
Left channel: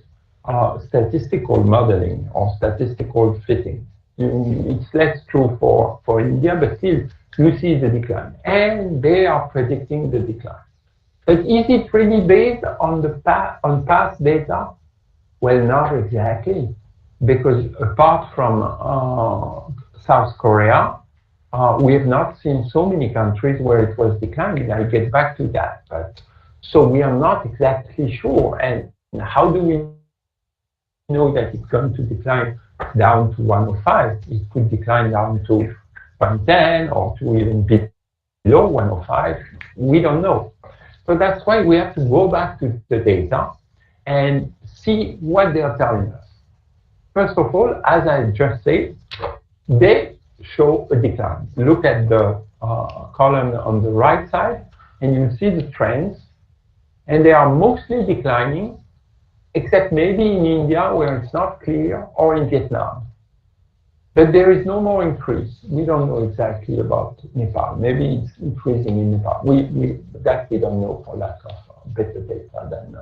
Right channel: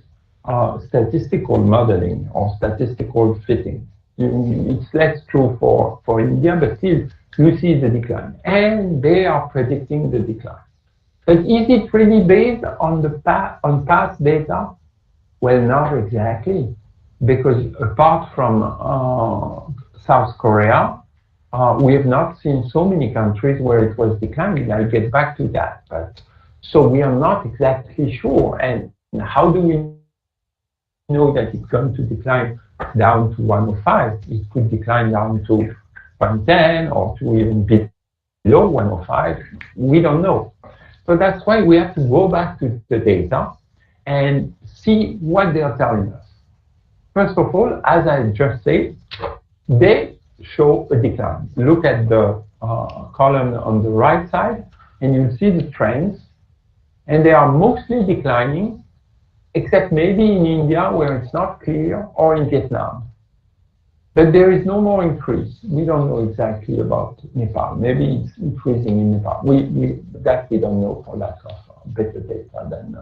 statistical modeling or statistical fitting. It's less true for India, but still you see the decline. And they are predicting the decline. But is it really based on past data? Well, not exactly, because apart from South Korea, we have not seen so many countries where it was declining. I'll get back to that. But so we are not exactly sure. And how do we know that it's going to decline down to 105? It could decline down to 110 or to even below 105. We don't know. So that's why we have to go back to the data and see what they are telling us. First of all, as I just said, they show a decline. Look at the column on the right side, and you'll see the trends. And they are mostly declining, except maybe in India, where it's not clear, or in Vietnam. But there is no more increase. We don't know exactly about Nepal. Maybe it's increasing in Nepal. That we don't know for lack of better data than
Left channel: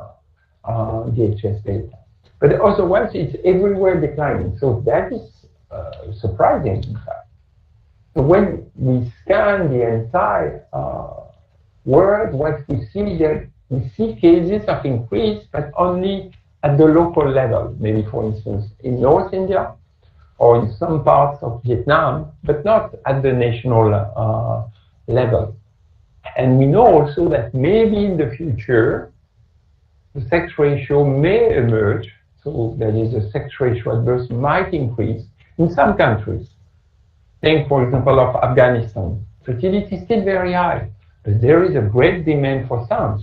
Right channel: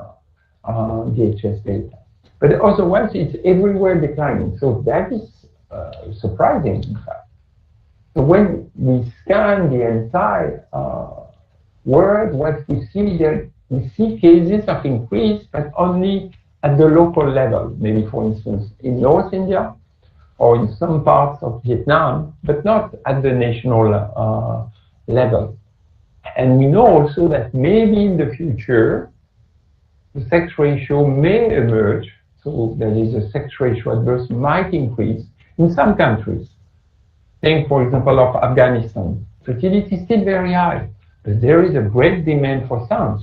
DHS data. But otherwise, it's everywhere declining. So that is surprising, in fact. So when we scan the entire world, what we see there, we see cases of increase, but only at the local level. Maybe, for instance, in North India, or in some parts of Vietnam, but not at the national level. And we know also that maybe in the future, the sex ratio may emerge, so that is, the sex ratio at birth might increase in some countries. Think, for example, of Afghanistan. Fertility is still very high, but there is a great demand for sons,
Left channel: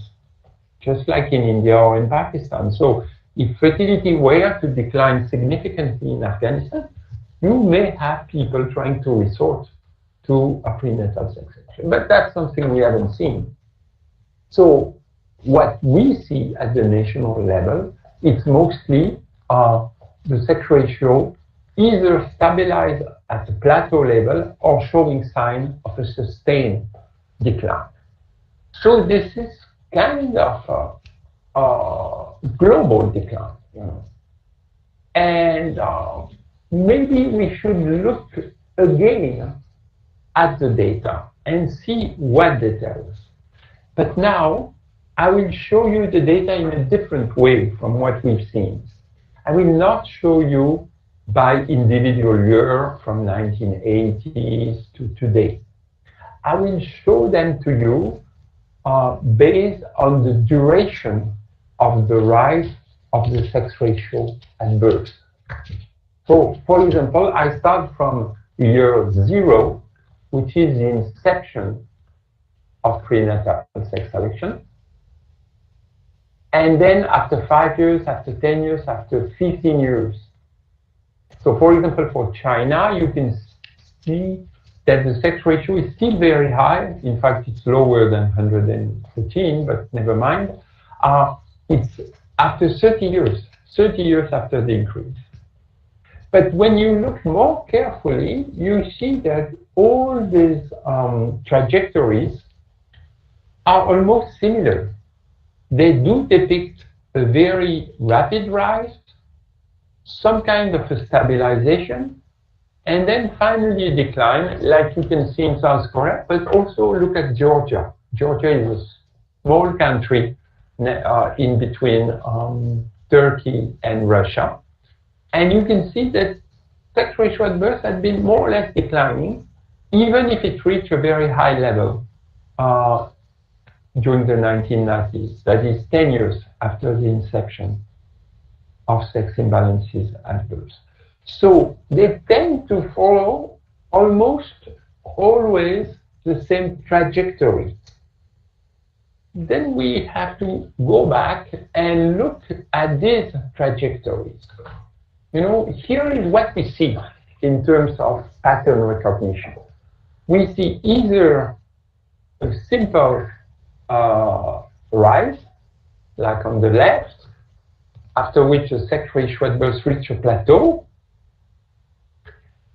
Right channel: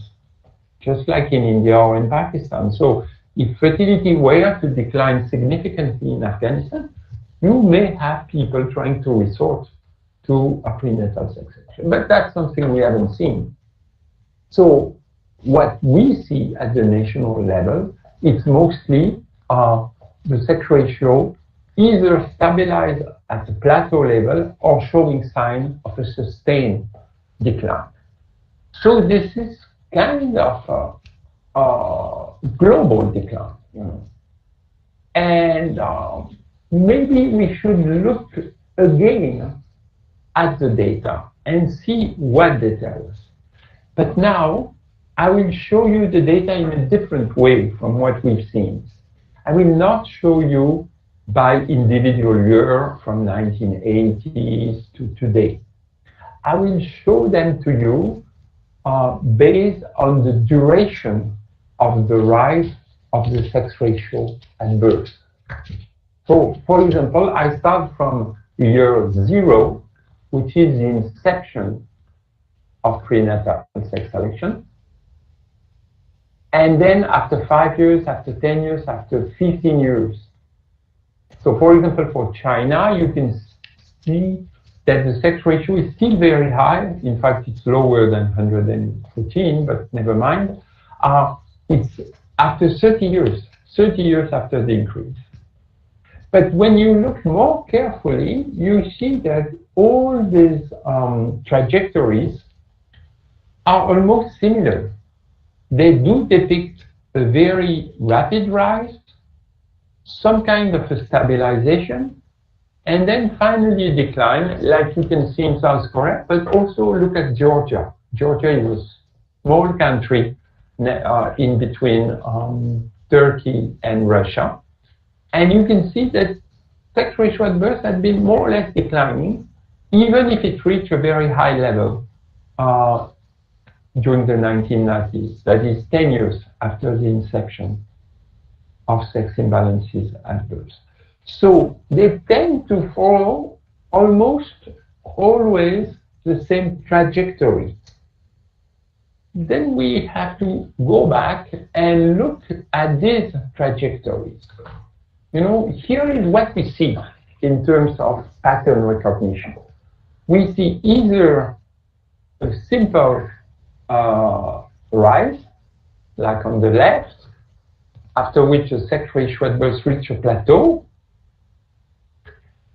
just like in India or in Pakistan. So if fertility were to decline significantly in Afghanistan, you may have people trying to resort to a prenatal sex selection. But that's something we haven't seen. So what we see at the national level, it's mostly the sex ratio either stabilized at the plateau level or showing signs of a sustained decline. So this is kind of a global decline, you know. And maybe we should look again at the data and see what they tell us. But now I will show you the data in a different way from what we've seen. I will not show you by individual year from 1980s to today. I will show them to you based on the duration of the rise of the sex ratio at birth. So, for example, I start from year 0, which is the inception of prenatal sex selection. And then after 5 years, after 10 years, after 15 years. So, for example, for China, you can see that the sex ratio is still very high. In fact, it's lower than 114, but never mind. It's after 30 years after the increase. But when you look more carefully, you see that all these trajectories are almost similar. They do depict a very rapid rise, some kind of a stabilization, and then finally a decline, like you can see in South Korea, but also look at Georgia. Georgia is a small country in between Turkey and Russia. And you can see that sex ratio at birth had been more or less declining, even if it reached a very high level during the 1990s, that is 10 years after the inception of sex imbalances at birth. So they tend to follow almost always the same trajectory. Then we have to go back and look at these trajectories. You know, here is what we see in terms of pattern recognition. We see either a simple rise, like on the left, after which the sex ratio at birth reaches a plateau,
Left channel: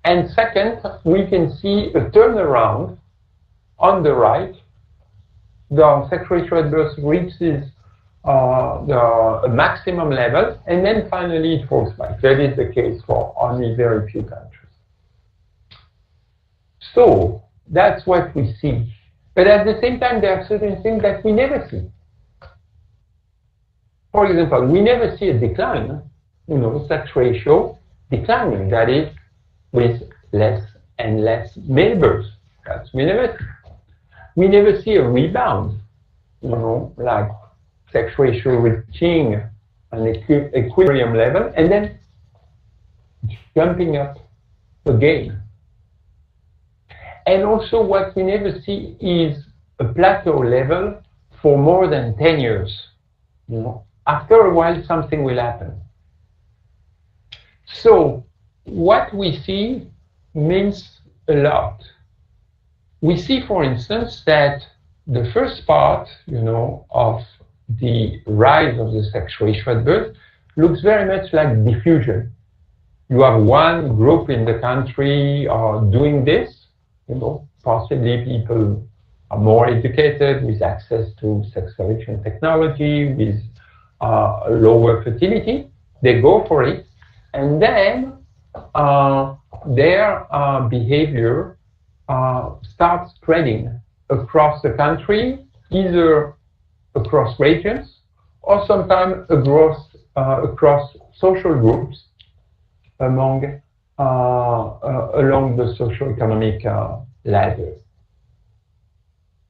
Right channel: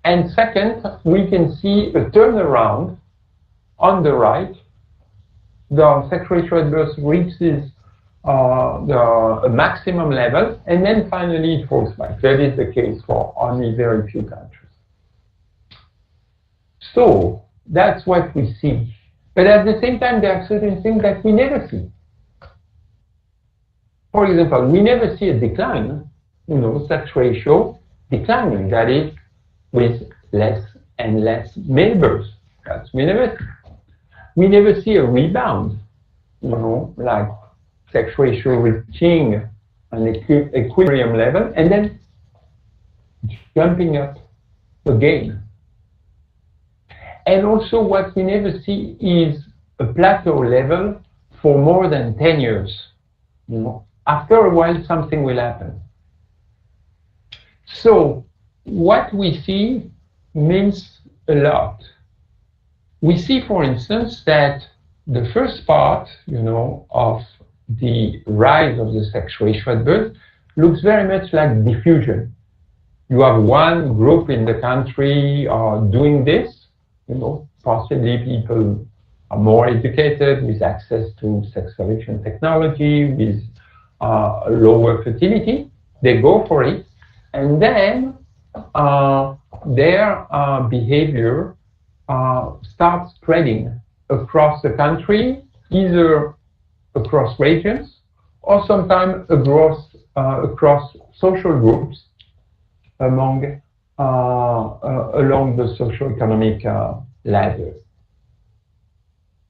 And second, we can see a turnaround on the right. The sexual ratio at birth reaches the maximum level, and then finally it falls back. That is the case for only very few countries. So that's what we see. But at the same time, there are certain things that we never see. For example, we never see a decline, sex ratio declining, that is, with less and less male births. That's we never see. We never see a rebound, like sex ratio reaching an equilibrium level and then jumping up again. And also what we never see is a plateau level for more than 10 years. After a while, something will happen. So what we see means a lot. We see, for instance, that the first part, of the rise of the sex ratio at birth looks very much like diffusion. You have one group in the country doing this, possibly people are more educated with access to sex selection technology, with lower fertility. They go for it, and then their behavior starts spreading across the country, either across regions or sometimes across social groups along the socio-economic ladder.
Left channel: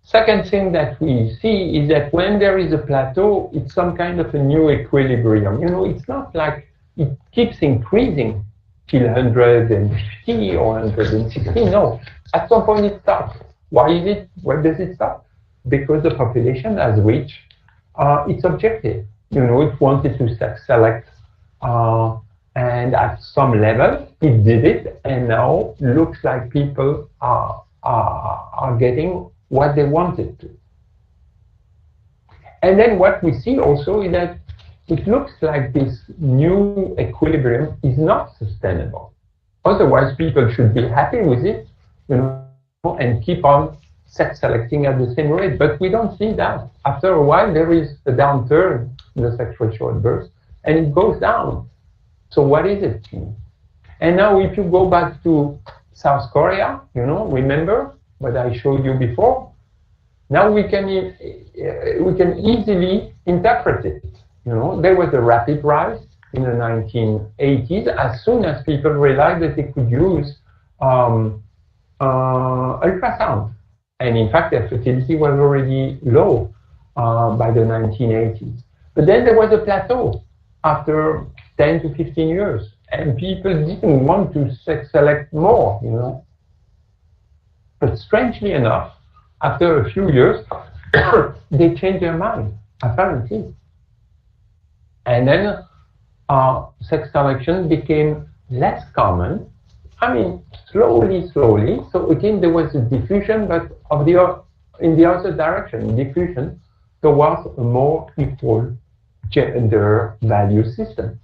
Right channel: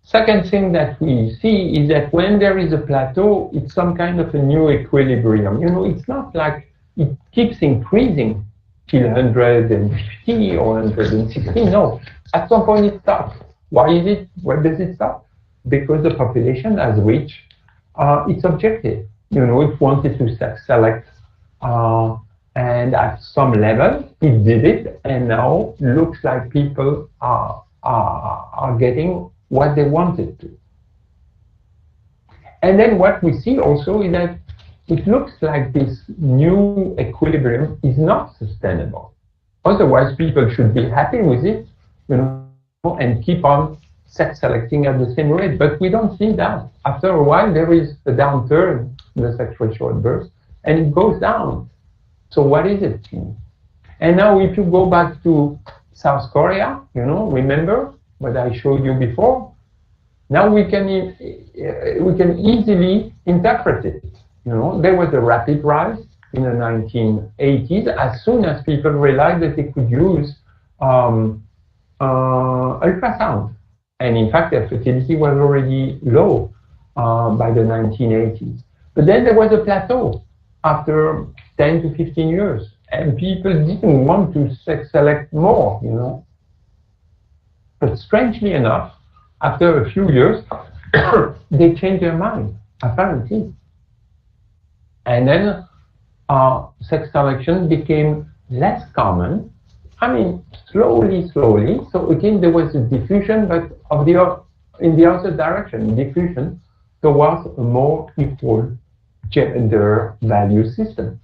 Second thing that we see is that when there is a plateau, it's some kind of a new equilibrium. It's not like it keeps increasing till 150 or 160. No, at some point it stops. Why is it? Why does it stop? Because the population has reached its objective. It wanted to select, and at some level it did it, and now looks like people are getting what they wanted to. And then what we see also is that it looks like this new equilibrium is not sustainable. Otherwise, people should be happy with it, and keep on sex selecting at the same rate. But we don't see that. After a while, there is a downturn in the sex ratio at birth, and it goes down. So what is it? And now, if you go back to South Korea, remember what I showed you before. Now we can easily interpret it. There was a rapid rise in the 1980s as soon as people realized that they could use ultrasound. And in fact, their fertility was already low by the 1980s. But then there was a plateau after 10 to 15 years. And people didn't want to sex select more, But strangely enough, after a few years, they changed their mind, apparently. And then sex selection became less common. Slowly. So again, there was a diffusion, but in the other direction, diffusion towards a more equal gender value system.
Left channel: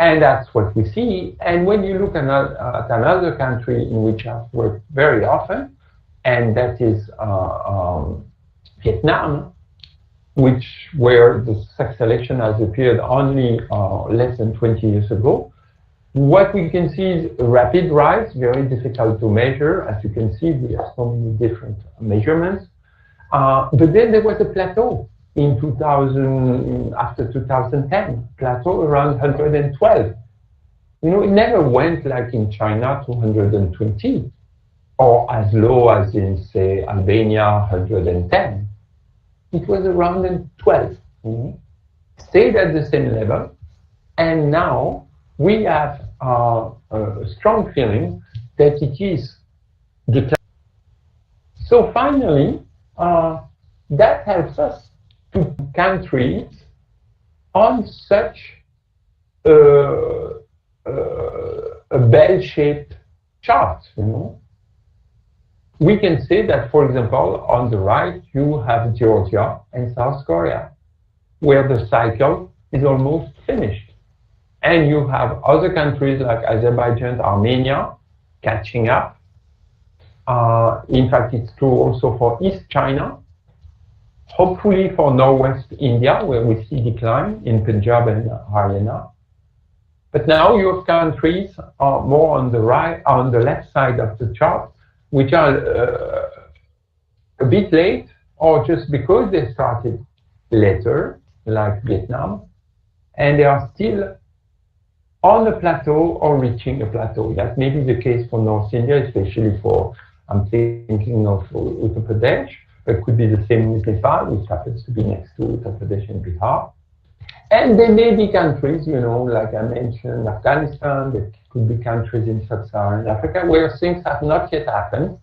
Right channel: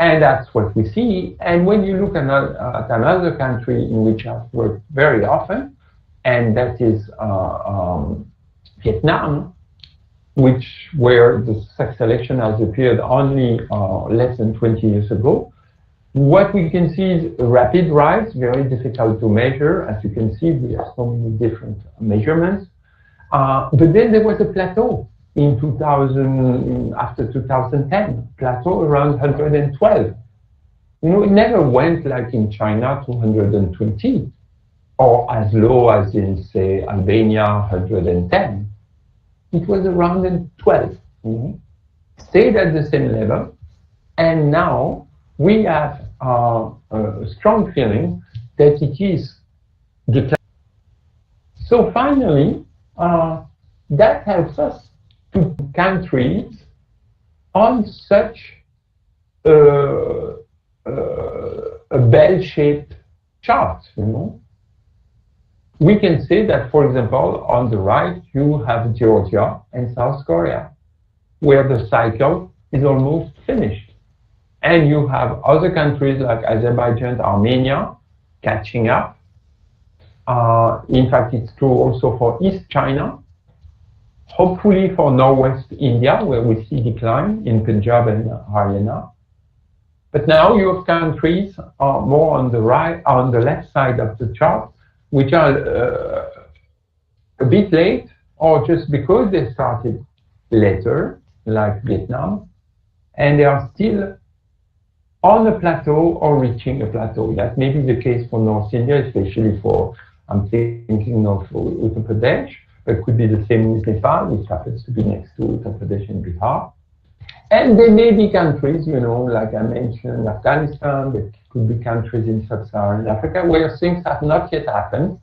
And that's what we see. And when you look at another country in which I've worked very often, and that is Vietnam, where the sex selection has appeared only less than 20 years ago, what we can see is a rapid rise, very difficult to measure. As you can see, we have so many different measurements. But then there was a plateau in 2000, after 2010, plateau around 112. It never went like in China to 120, or as low as in, say, Albania, 110. It was around 12. Stayed at the same level, and now we have a strong feeling that it is declining. So finally, that helps us to countries on such a bell-shaped chart. We can say that, for example, on the right, you have Georgia and South Korea, where the cycle is almost finished. And you have other countries like Azerbaijan, Armenia, catching up. In fact, it's true also for East China. Hopefully for Northwest India, where we see decline in Punjab and Haryana. But now you have countries more on the right, on the left side of the chart, which are a bit late, or just because they started later, like Vietnam, and they are still on a plateau or reaching a plateau. That may be the case for North India, especially for, I'm thinking of Uttar Pradesh. It could be the same with Nepal, which happens to be next to Uttar Pradesh and Bihar. And there may be countries, you know, like I mentioned, Afghanistan, there could be countries in sub-Saharan Africa where things have not yet happened,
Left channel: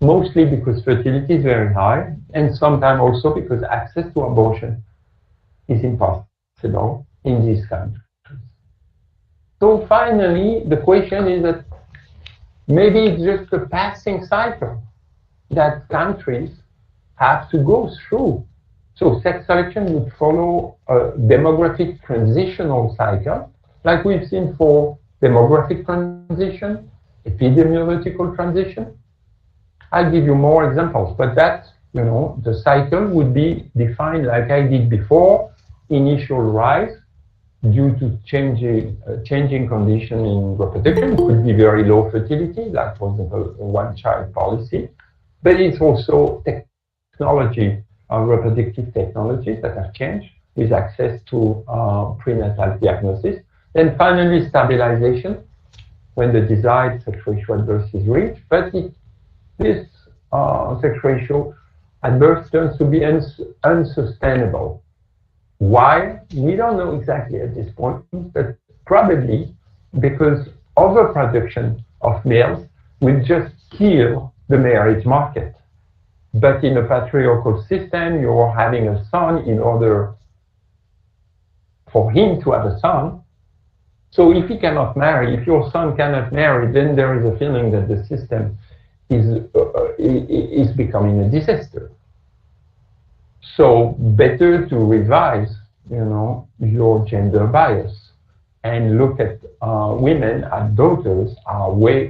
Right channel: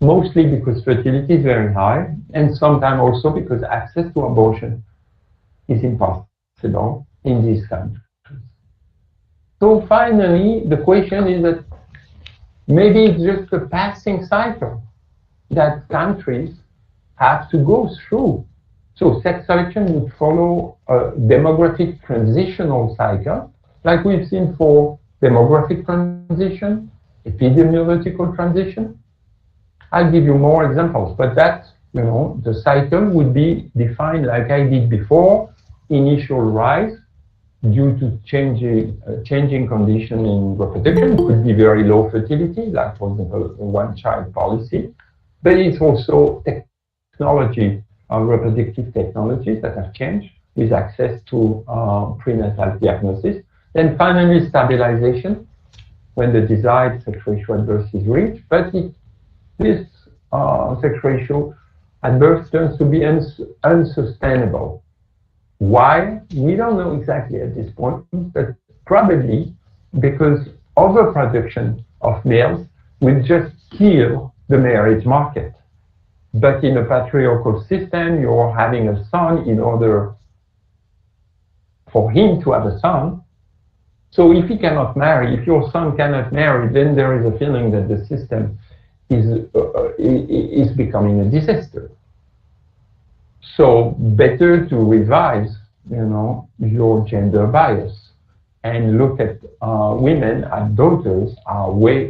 mostly because fertility is very high, and sometimes also because access to abortion is impossible in these countries. So finally, the question is that maybe it's just a passing cycle that countries have to go through. So sex selection would follow a demographic transitional cycle, like we've seen for demographic transition, epidemiological transition. I'll give you more examples, but that, you know, the cycle would be defined like I did before: initial rise due to changing condition in reproduction. It could be very low fertility, like for example, one-child policy, but it's also technology, reproductive technologies that have changed with access to prenatal diagnosis. Then finally, stabilization, when the desired sex ratio at birth is reached, but this sex ratio at birth turns to be unsustainable. Why? We don't know exactly at this point, but probably because overproduction of males will just kill the marriage market. But in a patriarchal system, you're having a son in order for him to have a son. So if he cannot marry, if your son cannot marry, then there is a feeling that the system is becoming a disaster. So better to revise, you know, your gender bias and look at women as daughters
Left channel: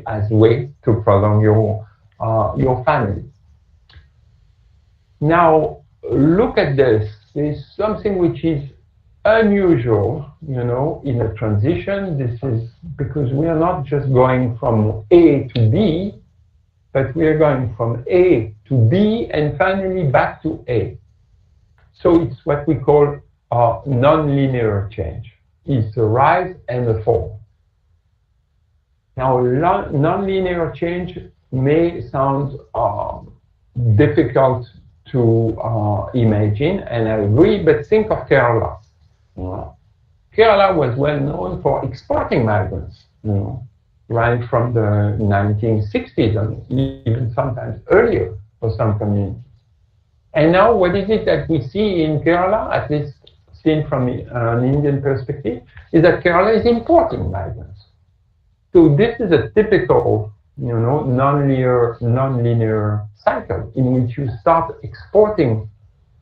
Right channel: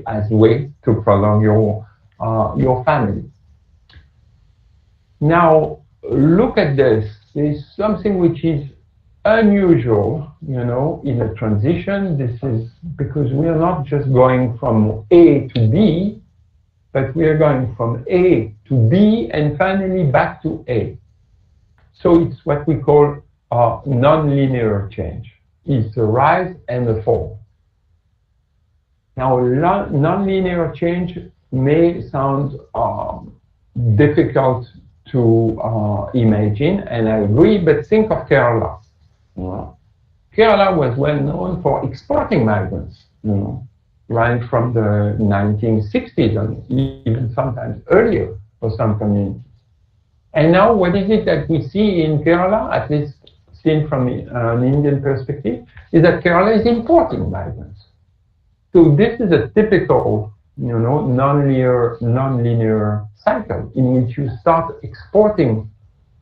as way to prolong your family. Now, look at this. There's something which is unusual, you know, in a transition. This is because we are not just going from A to B, but we are going from A to B and finally back to A. So it's what we call a non-linear change. It's a rise and a fall. Now, non-linear change may sound difficult to imagine, and I agree, but think of Kerala. Kerala was well known for exporting migrants, you know, right from the 1960s and even sometimes earlier for some communities. And now what is it that we see in Kerala, at least seen from an Indian perspective, is that Kerala is importing migrants. So this is a typical, you know, non-linear cycle in which you start exporting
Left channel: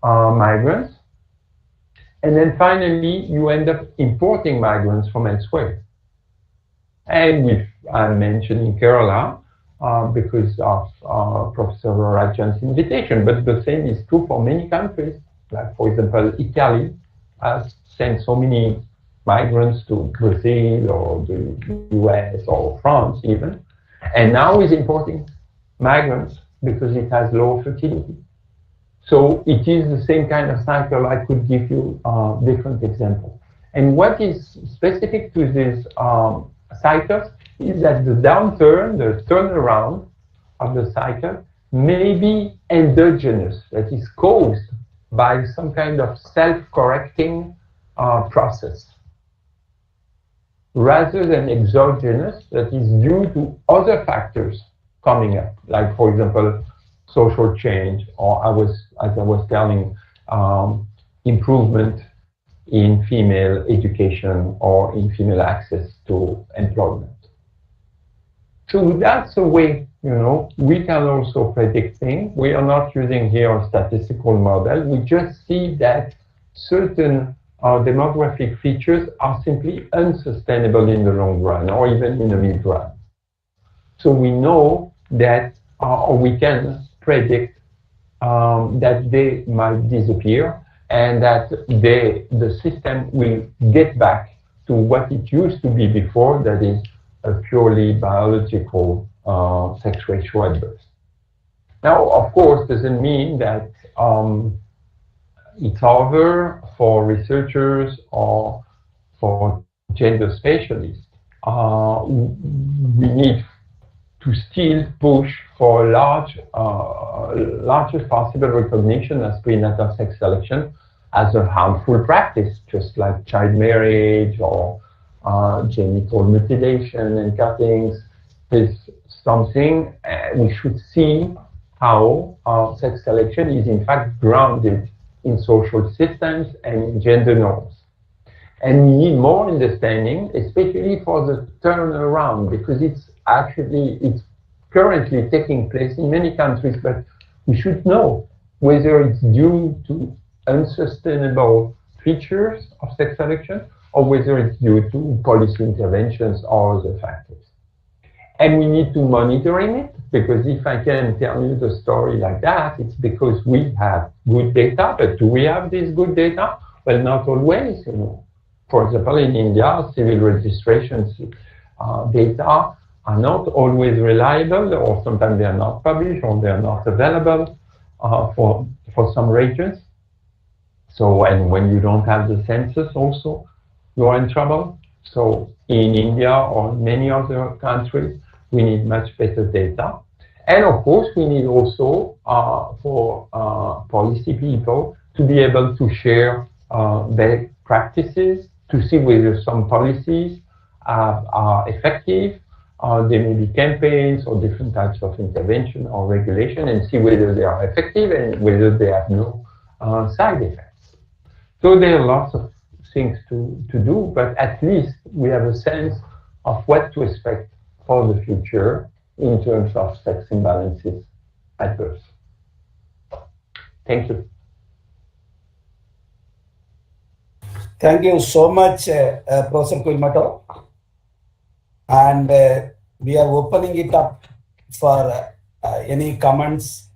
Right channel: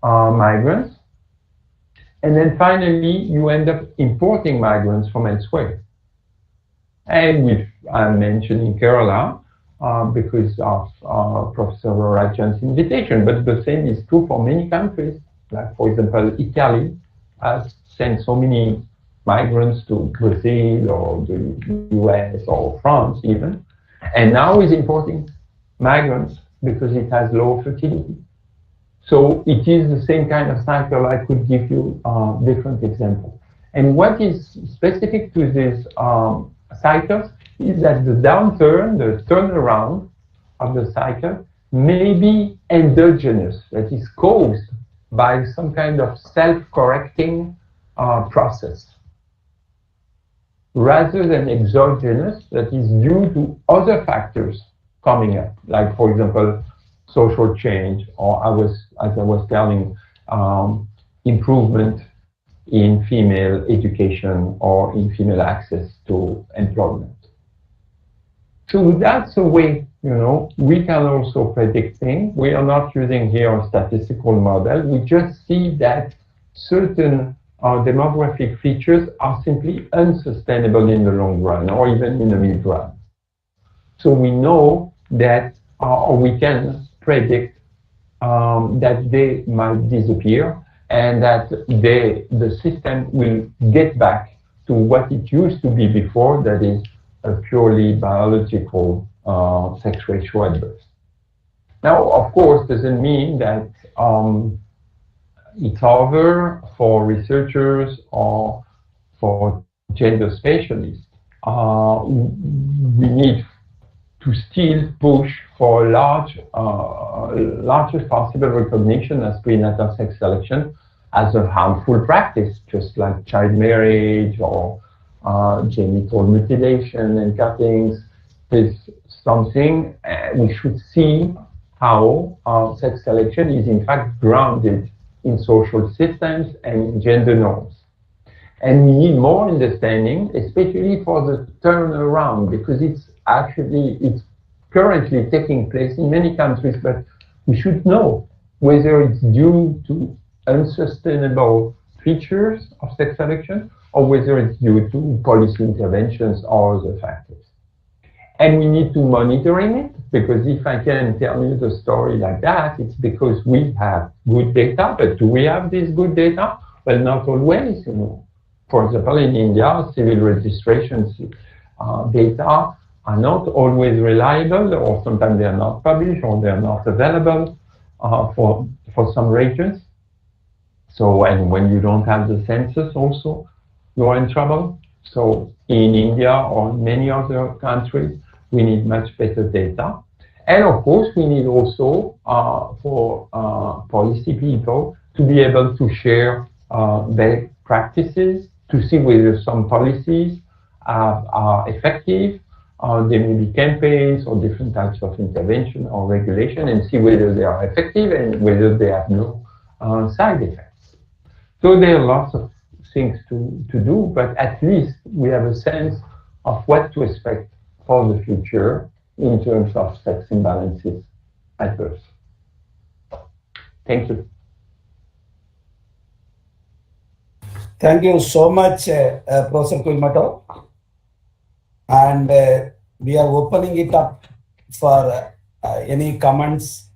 migrants, and then finally you end up importing migrants from elsewhere. And I'm mentioning Kerala because of Professor Rajan's invitation, but the same is true for many countries. Like, for example, Italy has sent so many migrants to Brazil or the US or France even, and now is importing migrants because it has low fertility. So it is the same kind of cycle. I could give you different examples. And what is specific to these cycles is that the downturn, the turnaround of the cycle may be endogenous, that is caused by some kind of self-correcting process, rather than exogenous, that is due to other factors coming up, like, for example, social change, or as I was telling, improvement in female education or in female access to employment. So that's a way, you know, we can also predict things. We are not using here a statistical model. We just see that certain demographic features are simply unsustainable in the long run or even in the mid run. So we know that, or we can predict that they might disappear and that the system will get back to what it used to be before, that is a purely biological sex ratio at birth. Now, of course, doesn't mean that it's over for researchers or for gender specialists. We need to still push for largest possible recognition as prenatal sex selection as a harmful practice, just like child marriage or genital mutilation and cuttings. Is something we should see how sex selection is in fact grounded in social systems and in gender norms. And we need more understanding, especially for the turnaround, because it's currently taking place in many countries, but we should know whether it's due to unsustainable features of sex selection or whether it's due to policy interventions or other factors. And we need to monitoring it, because if I can tell you the story like that, it's because we have good data. But do we have this good data? Well, not always. For example, in India, civil registrations data are not always reliable, or sometimes they are not published or they are not available for some regions. So, and when you don't have the census also, you're in trouble. So in India or many other countries, we need much better data. And of course, we need also for policy people to be able to share their practices, to see whether some policies are effective. There may be campaigns or different types of intervention or regulation, and see whether they are effective and whether they have no side effects. So there are lots of things to do, but at least we have a sense of what to expect for the future in terms of sex imbalances at birth. Thank you. Thank you so much, Professor Guilmoto. And we are opening it up for any comments,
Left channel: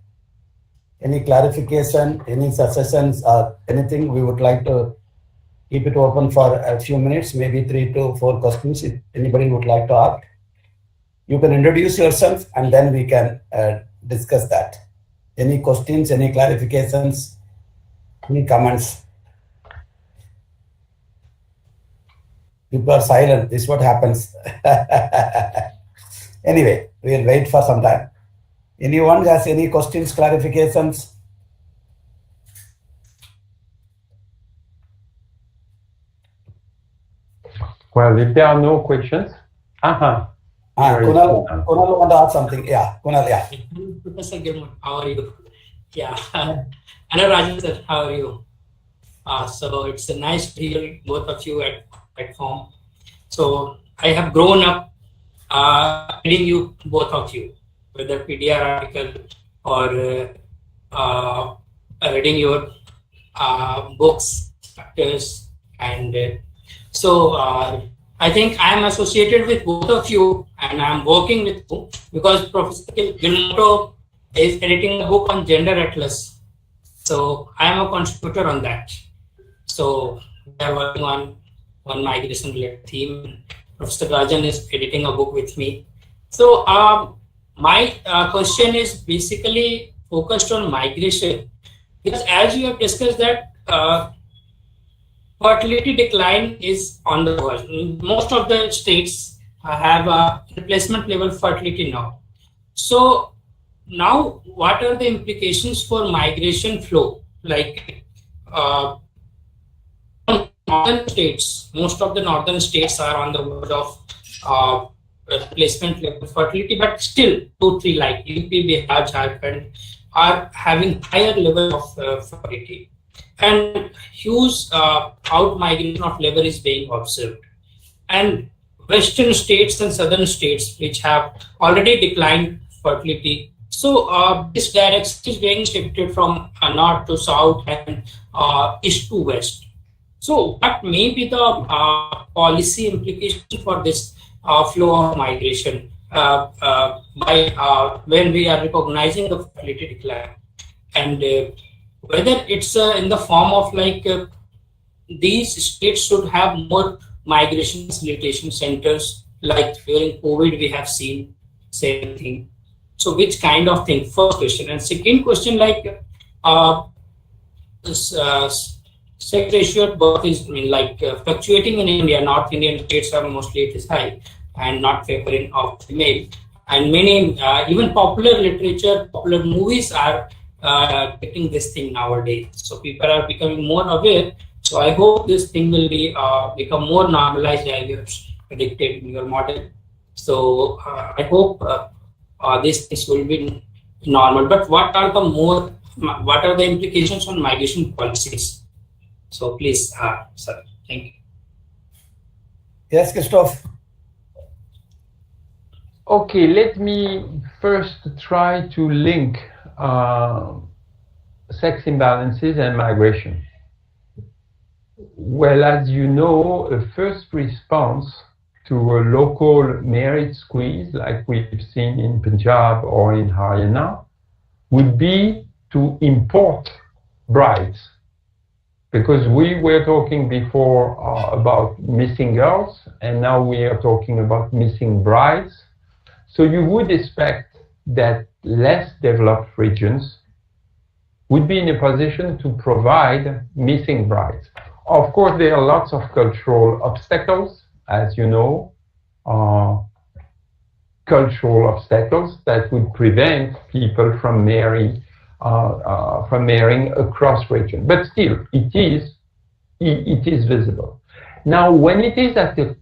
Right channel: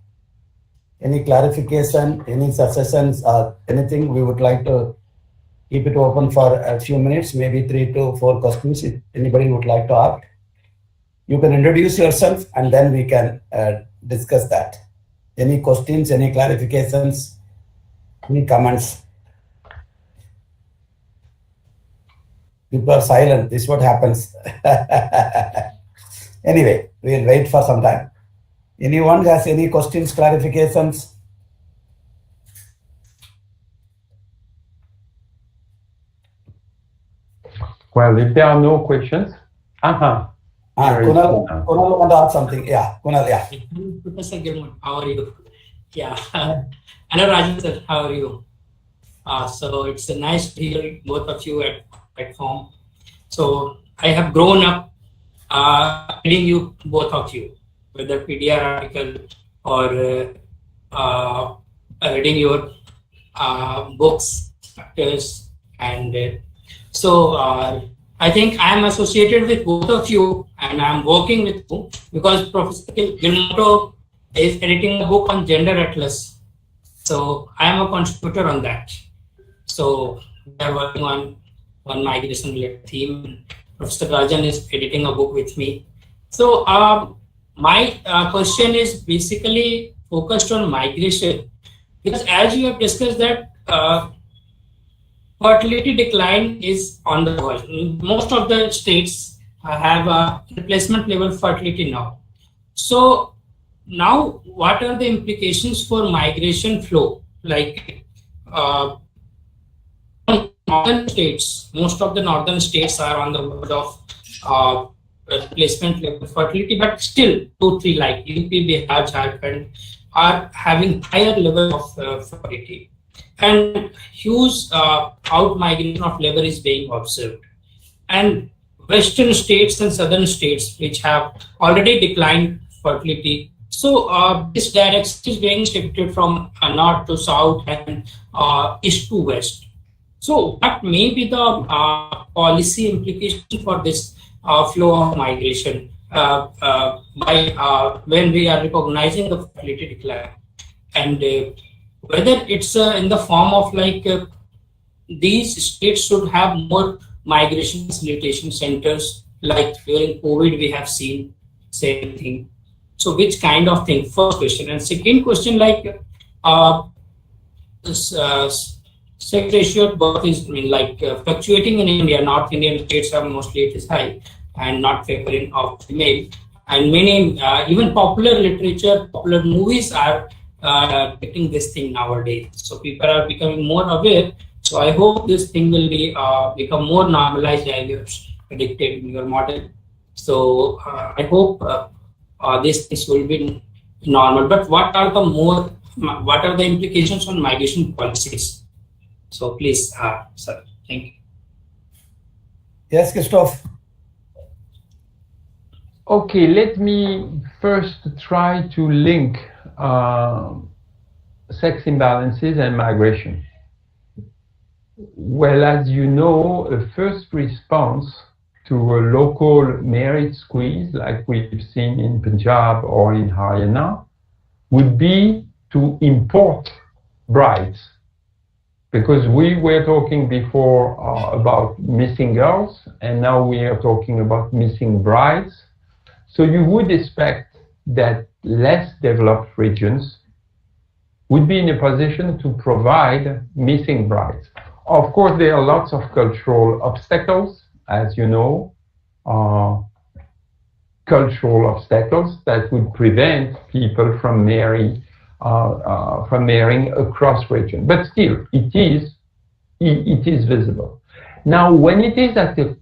any clarification, any suggestions, or anything. We would like to keep it open for a few minutes, maybe 3 to 4 questions if anybody would like to ask. You can introduce yourself and then we can discuss that. Any questions, any clarifications, any comments? People are silent. This is what happens. Anyway, we'll wait for some time. Anyone has any questions, clarifications? Well, if there are no questions, Kunal want to ask something. Yeah, Kunal, yeah. Professor Guilmoto, how are you? Yeah. Hello, Rajan sir, how are you? So it's a nice to hear both of you at platform. So I have grown up reading you, both of you, whether PDR article or reading your books, chapters, and so I think I am associated with both of you, and I am working with you because Professor Guilmoto is editing a book on gender atlas. So I am a contributor on that. So we are working on migration related theme. Professor Rajan is editing a book with me. So my question is basically focused on migration, because as you have discussed that fertility decline is on the world. Most of the states have a replacement level fertility now. So now what are the implications for migration flow? Like northern states, most of the northern states are on the verge of replacement level fertility, but still 2-3 like UP, Bihar, Jharkhand are having higher level of fertility. And huge out migration of labor is being observed. And western states and southern states, which have already declined fertility, so this direction is being shifted from north to south and east to west. So what may be the policy implication for this flow of migration? when we are recognizing the fertility decline, and whether it's in the form of like these states should have more migration facilitation centers, like during COVID we have seen same thing. So which kind of thing? First question. And second question, like this sex ratio at birth is fluctuating in India. North Indian states are mostly it is high and not favoring of female. And many even popular literature, popular movies are getting this thing nowadays. So people are becoming more aware. So I hope this thing will be become more normalized as you have predicted in your model. So I hope this will be normal. But what are the implications on migration policies? So please, sir, thank you. Yes, Christophe. Okay, let me first try to link sex imbalances and migration. Well, as you know, a first response to a local marriage squeeze, like we've seen in Punjab or in Haryana, would be to import brides. Because we were talking before about missing girls, and now we are talking about missing brides. So you would expect that less developed regions would be in a position to provide missing brides. Of course, there are lots of cultural obstacles, as you know, cultural obstacles that would prevent people from marrying across region. But still, it is visible. Now, when it is at the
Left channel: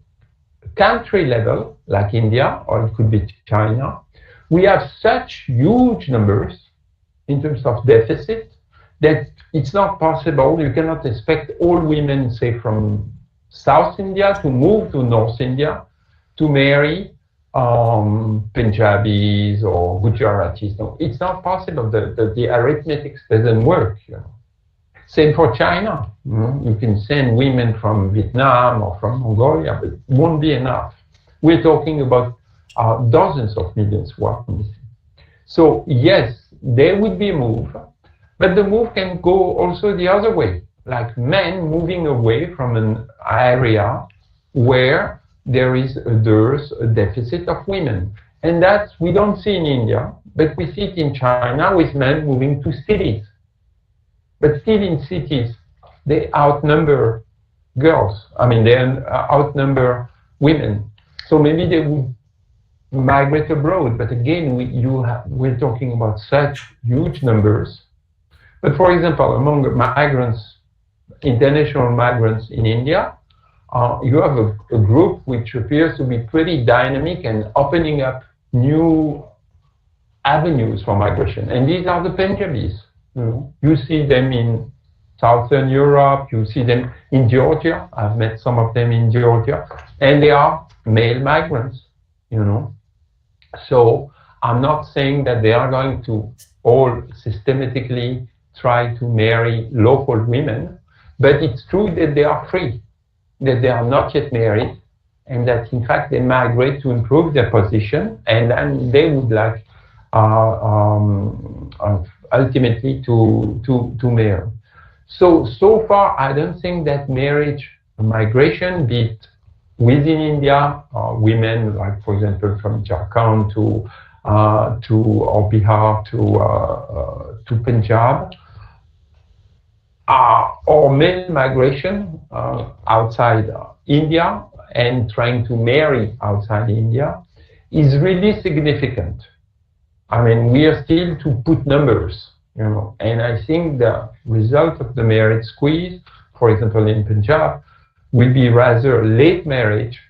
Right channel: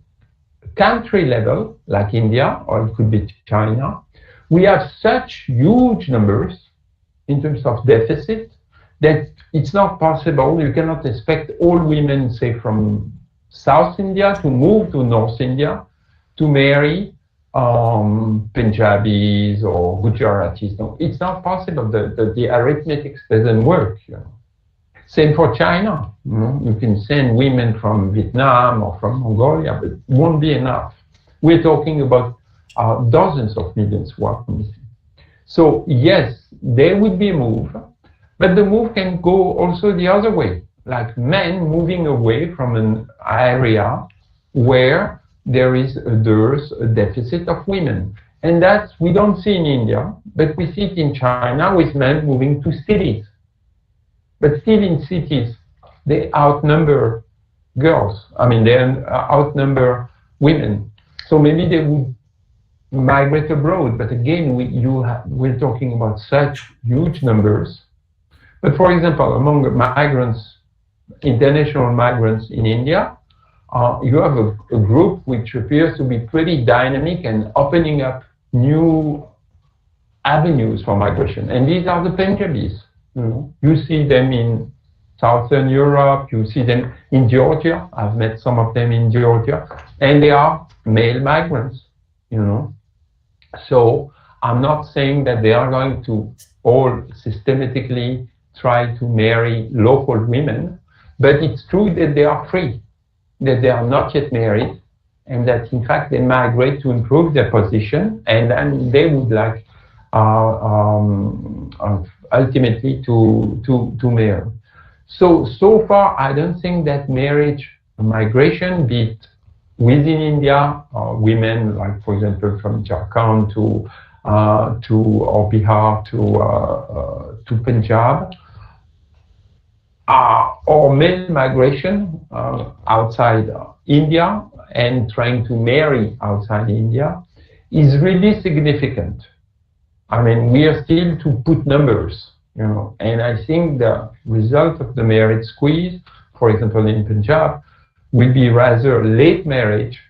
country level, like India, or it could be China, we have such huge numbers in terms of deficit that it's not possible. You cannot expect all women, say, from South India to move to North India to marry Punjabis or Gujaratis. No, it's not possible. The arithmetic doesn't work. You know. Same for China. You know, you can send women from Vietnam or from Mongolia, but it won't be enough. We're talking about dozens of millions who are missing. So yes, there would be a move, but the move can go also the other way, like men moving away from an area where there is a dearth, a deficit of women. And that's, we don't see in India, but we see it in China with men moving to cities. But still in cities, they outnumber girls. I mean, they outnumber women. So maybe they would migrate abroad. But again, we're talking about such huge numbers. But for example, among migrants, international migrants in India, you have a group which appears to be pretty dynamic and opening up new avenues for migration. And these are the Punjabis. You see them in Southern Europe, you see them in Georgia. I've met some of them in Georgia. And they are male migrants, you know. So I'm not saying that they are going to all systematically try to marry local women, but it's true that they are free, that they are not yet married, and that in fact they migrate to improve their position, and then they would like ultimately to marry. So far, I don't think that marriage migration, be it within India, women like, for example, from Jharkhand to or Bihar to Punjab, or male migration outside India and trying to marry outside India is really significant. I mean, we are still to put numbers, you know, and I think the result of the marriage squeeze, for example, in Punjab, will be rather late marriage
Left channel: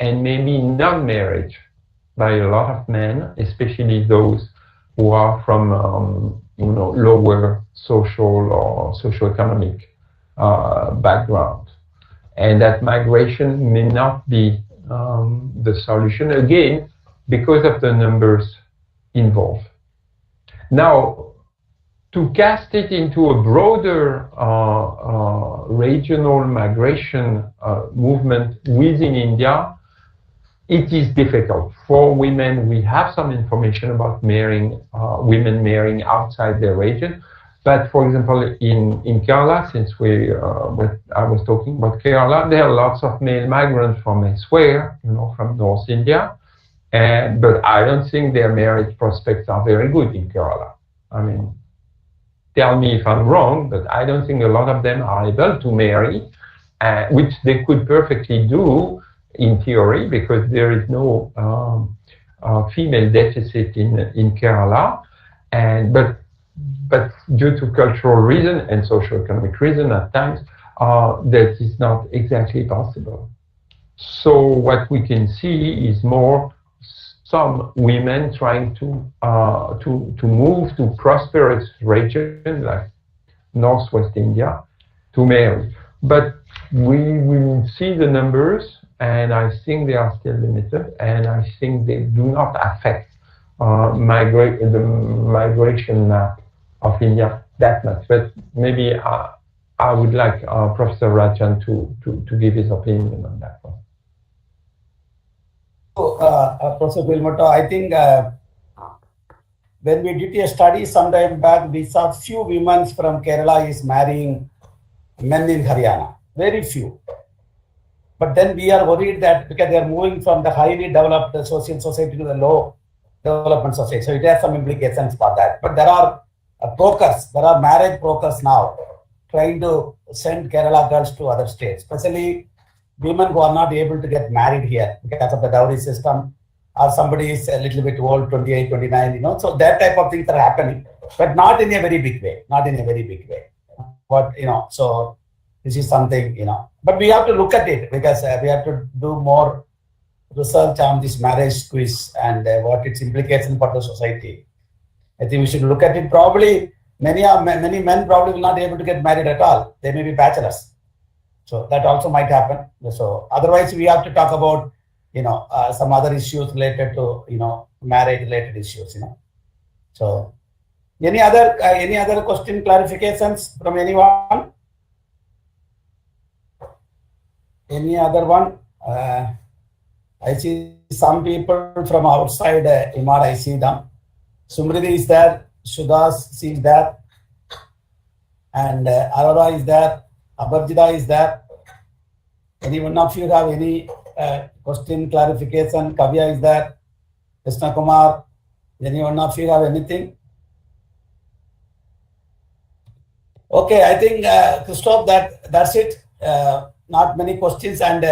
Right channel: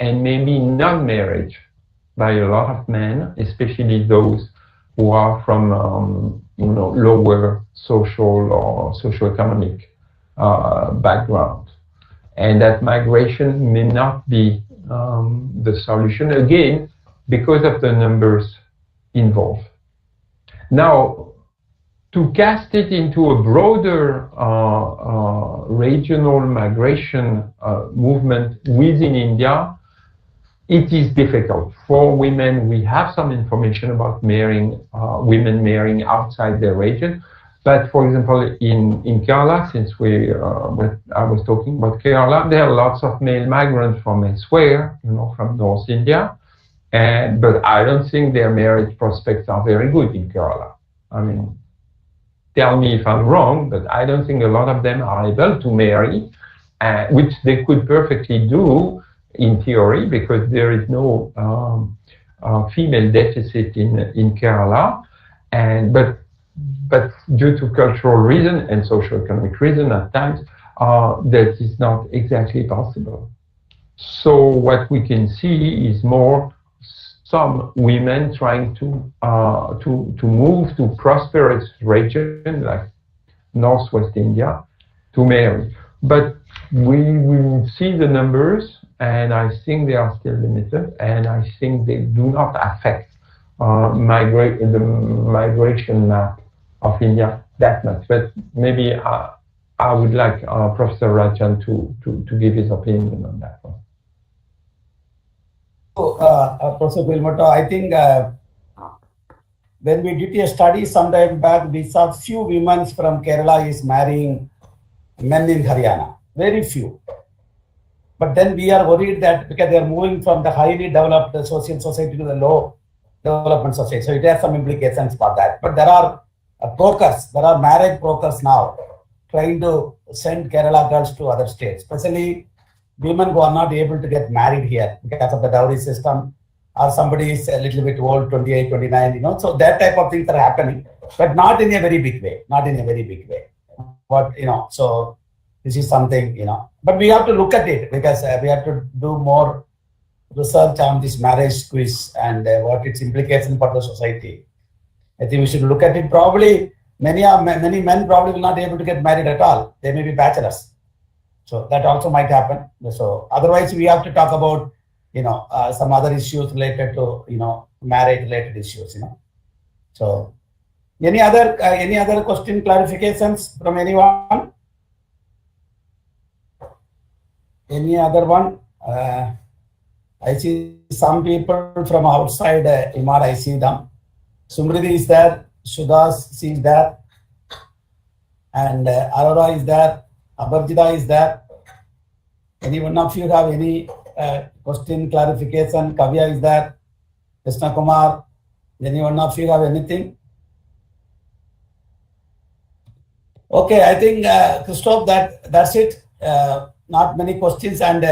and maybe non-marriage by a lot of men, especially those who are from lower social or socioeconomic background. And that migration may not be the solution, again, because of the numbers involved. Now, to cast it into a broader regional migration movement within India, it is difficult for women. We have some information about women marrying outside their region. But for example, in Kerala, since I was talking about Kerala, there are lots of male migrants from elsewhere, from North India. But I don't think their marriage prospects are very good in Kerala. I mean, tell me if I'm wrong, but I don't think a lot of them are able to marry, which they could perfectly do in theory, because there is no female deficit in Kerala. But due to cultural reason and socioeconomic reason at times, that is not exactly possible. So what we can see is more some women trying to move to prosperous regions like Northwest India to marry. But we will see the numbers, and I think they are still limited, and I think they do not affect the migration map of India that much. But maybe I would like Professor Rajan to give his opinion on that one. Professor Guilmoto, I think when we did a study some time back, we saw few women from Kerala is marrying men in Haryana, very few. But then we are worried that because they are moving from the highly developed social society to the low development society, so it has some implications for that. But there are marriage brokers now trying to send Kerala girls to other states, especially women who are not able to get married here because of the dowry system, or somebody is a little bit old, 28, 29, so that type of things are happening, but not in a very big way, But, so this is something, but we have to look at it, because we have to do more research on this marriage quiz and what its implications for the society. I think we should look at it. Probably many men probably will not be able to get married at all. They may be bachelors. So that also might happen. So otherwise we have to talk about, some other issues related to, marriage related issues, So any other question, clarifications from anyone? Any other one? I see some people from outside IIMAD, I see them. Sumriti is there, Shudas is there, and Aurora is there, Abarjita is there. Any one of you have any question, clarification? Kavya is there, Krishna Kumar. Any one of you have anything? Okay, I think Christophe, that's it. Not many questions, and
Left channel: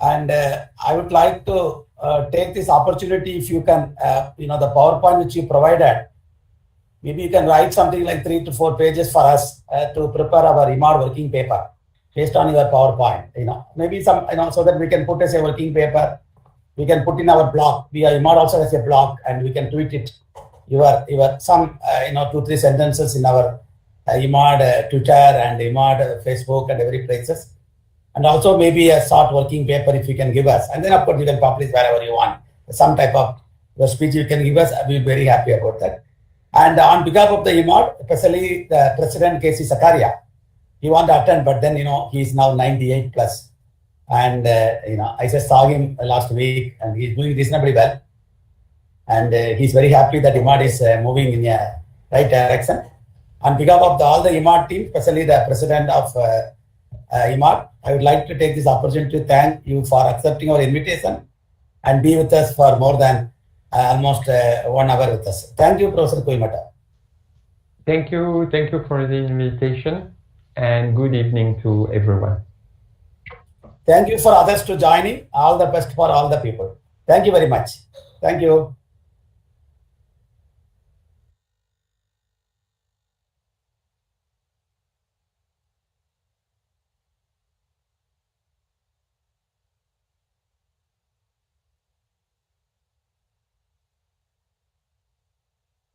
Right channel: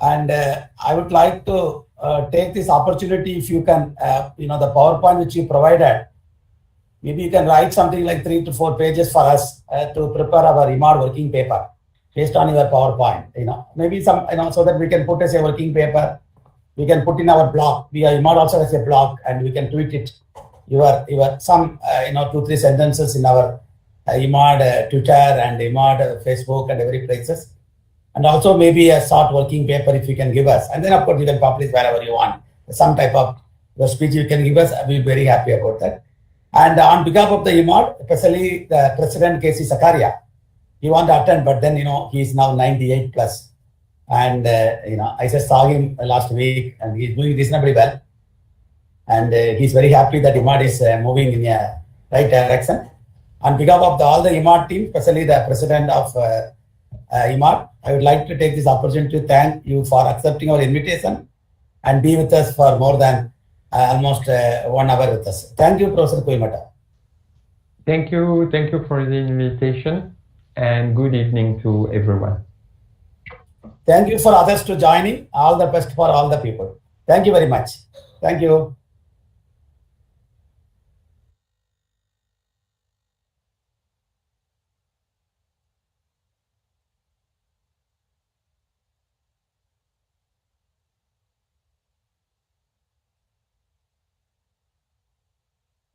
I would like to take this opportunity, if you can, the PowerPoint which you provided, maybe you can write something like 3 to 4 pages for us to prepare our IIMAD working paper based on your PowerPoint, maybe some, so that we can put as a working paper, we can put in our blog. IIMAD also has a blog, and we can tweet it, your some, 2-3 sentences in our IIMAD Twitter and IIMAD Facebook and every places. And also maybe a short working paper if you can give us. And then of course you can publish wherever you want. Some type of speech you can give us. I'll be very happy about that. And on behalf of the IIMAD, especially the President K.C. Sakaria, he wanted to attend, but then, he is now 98 plus. And, I just saw him last week, and he's doing reasonably well. And he's very happy that IIMAD is moving in a right direction. On behalf of all the IIMAD team, especially the President of IIMAD, I would like to take this opportunity to thank you for accepting our invitation and be with us for more than almost 1 hour with us. Thank you, Professor Guilmoto. Thank you for the invitation, and good evening to everyone. Thank you for others to joining. All the best for all the people. Thank you very much. Thank you.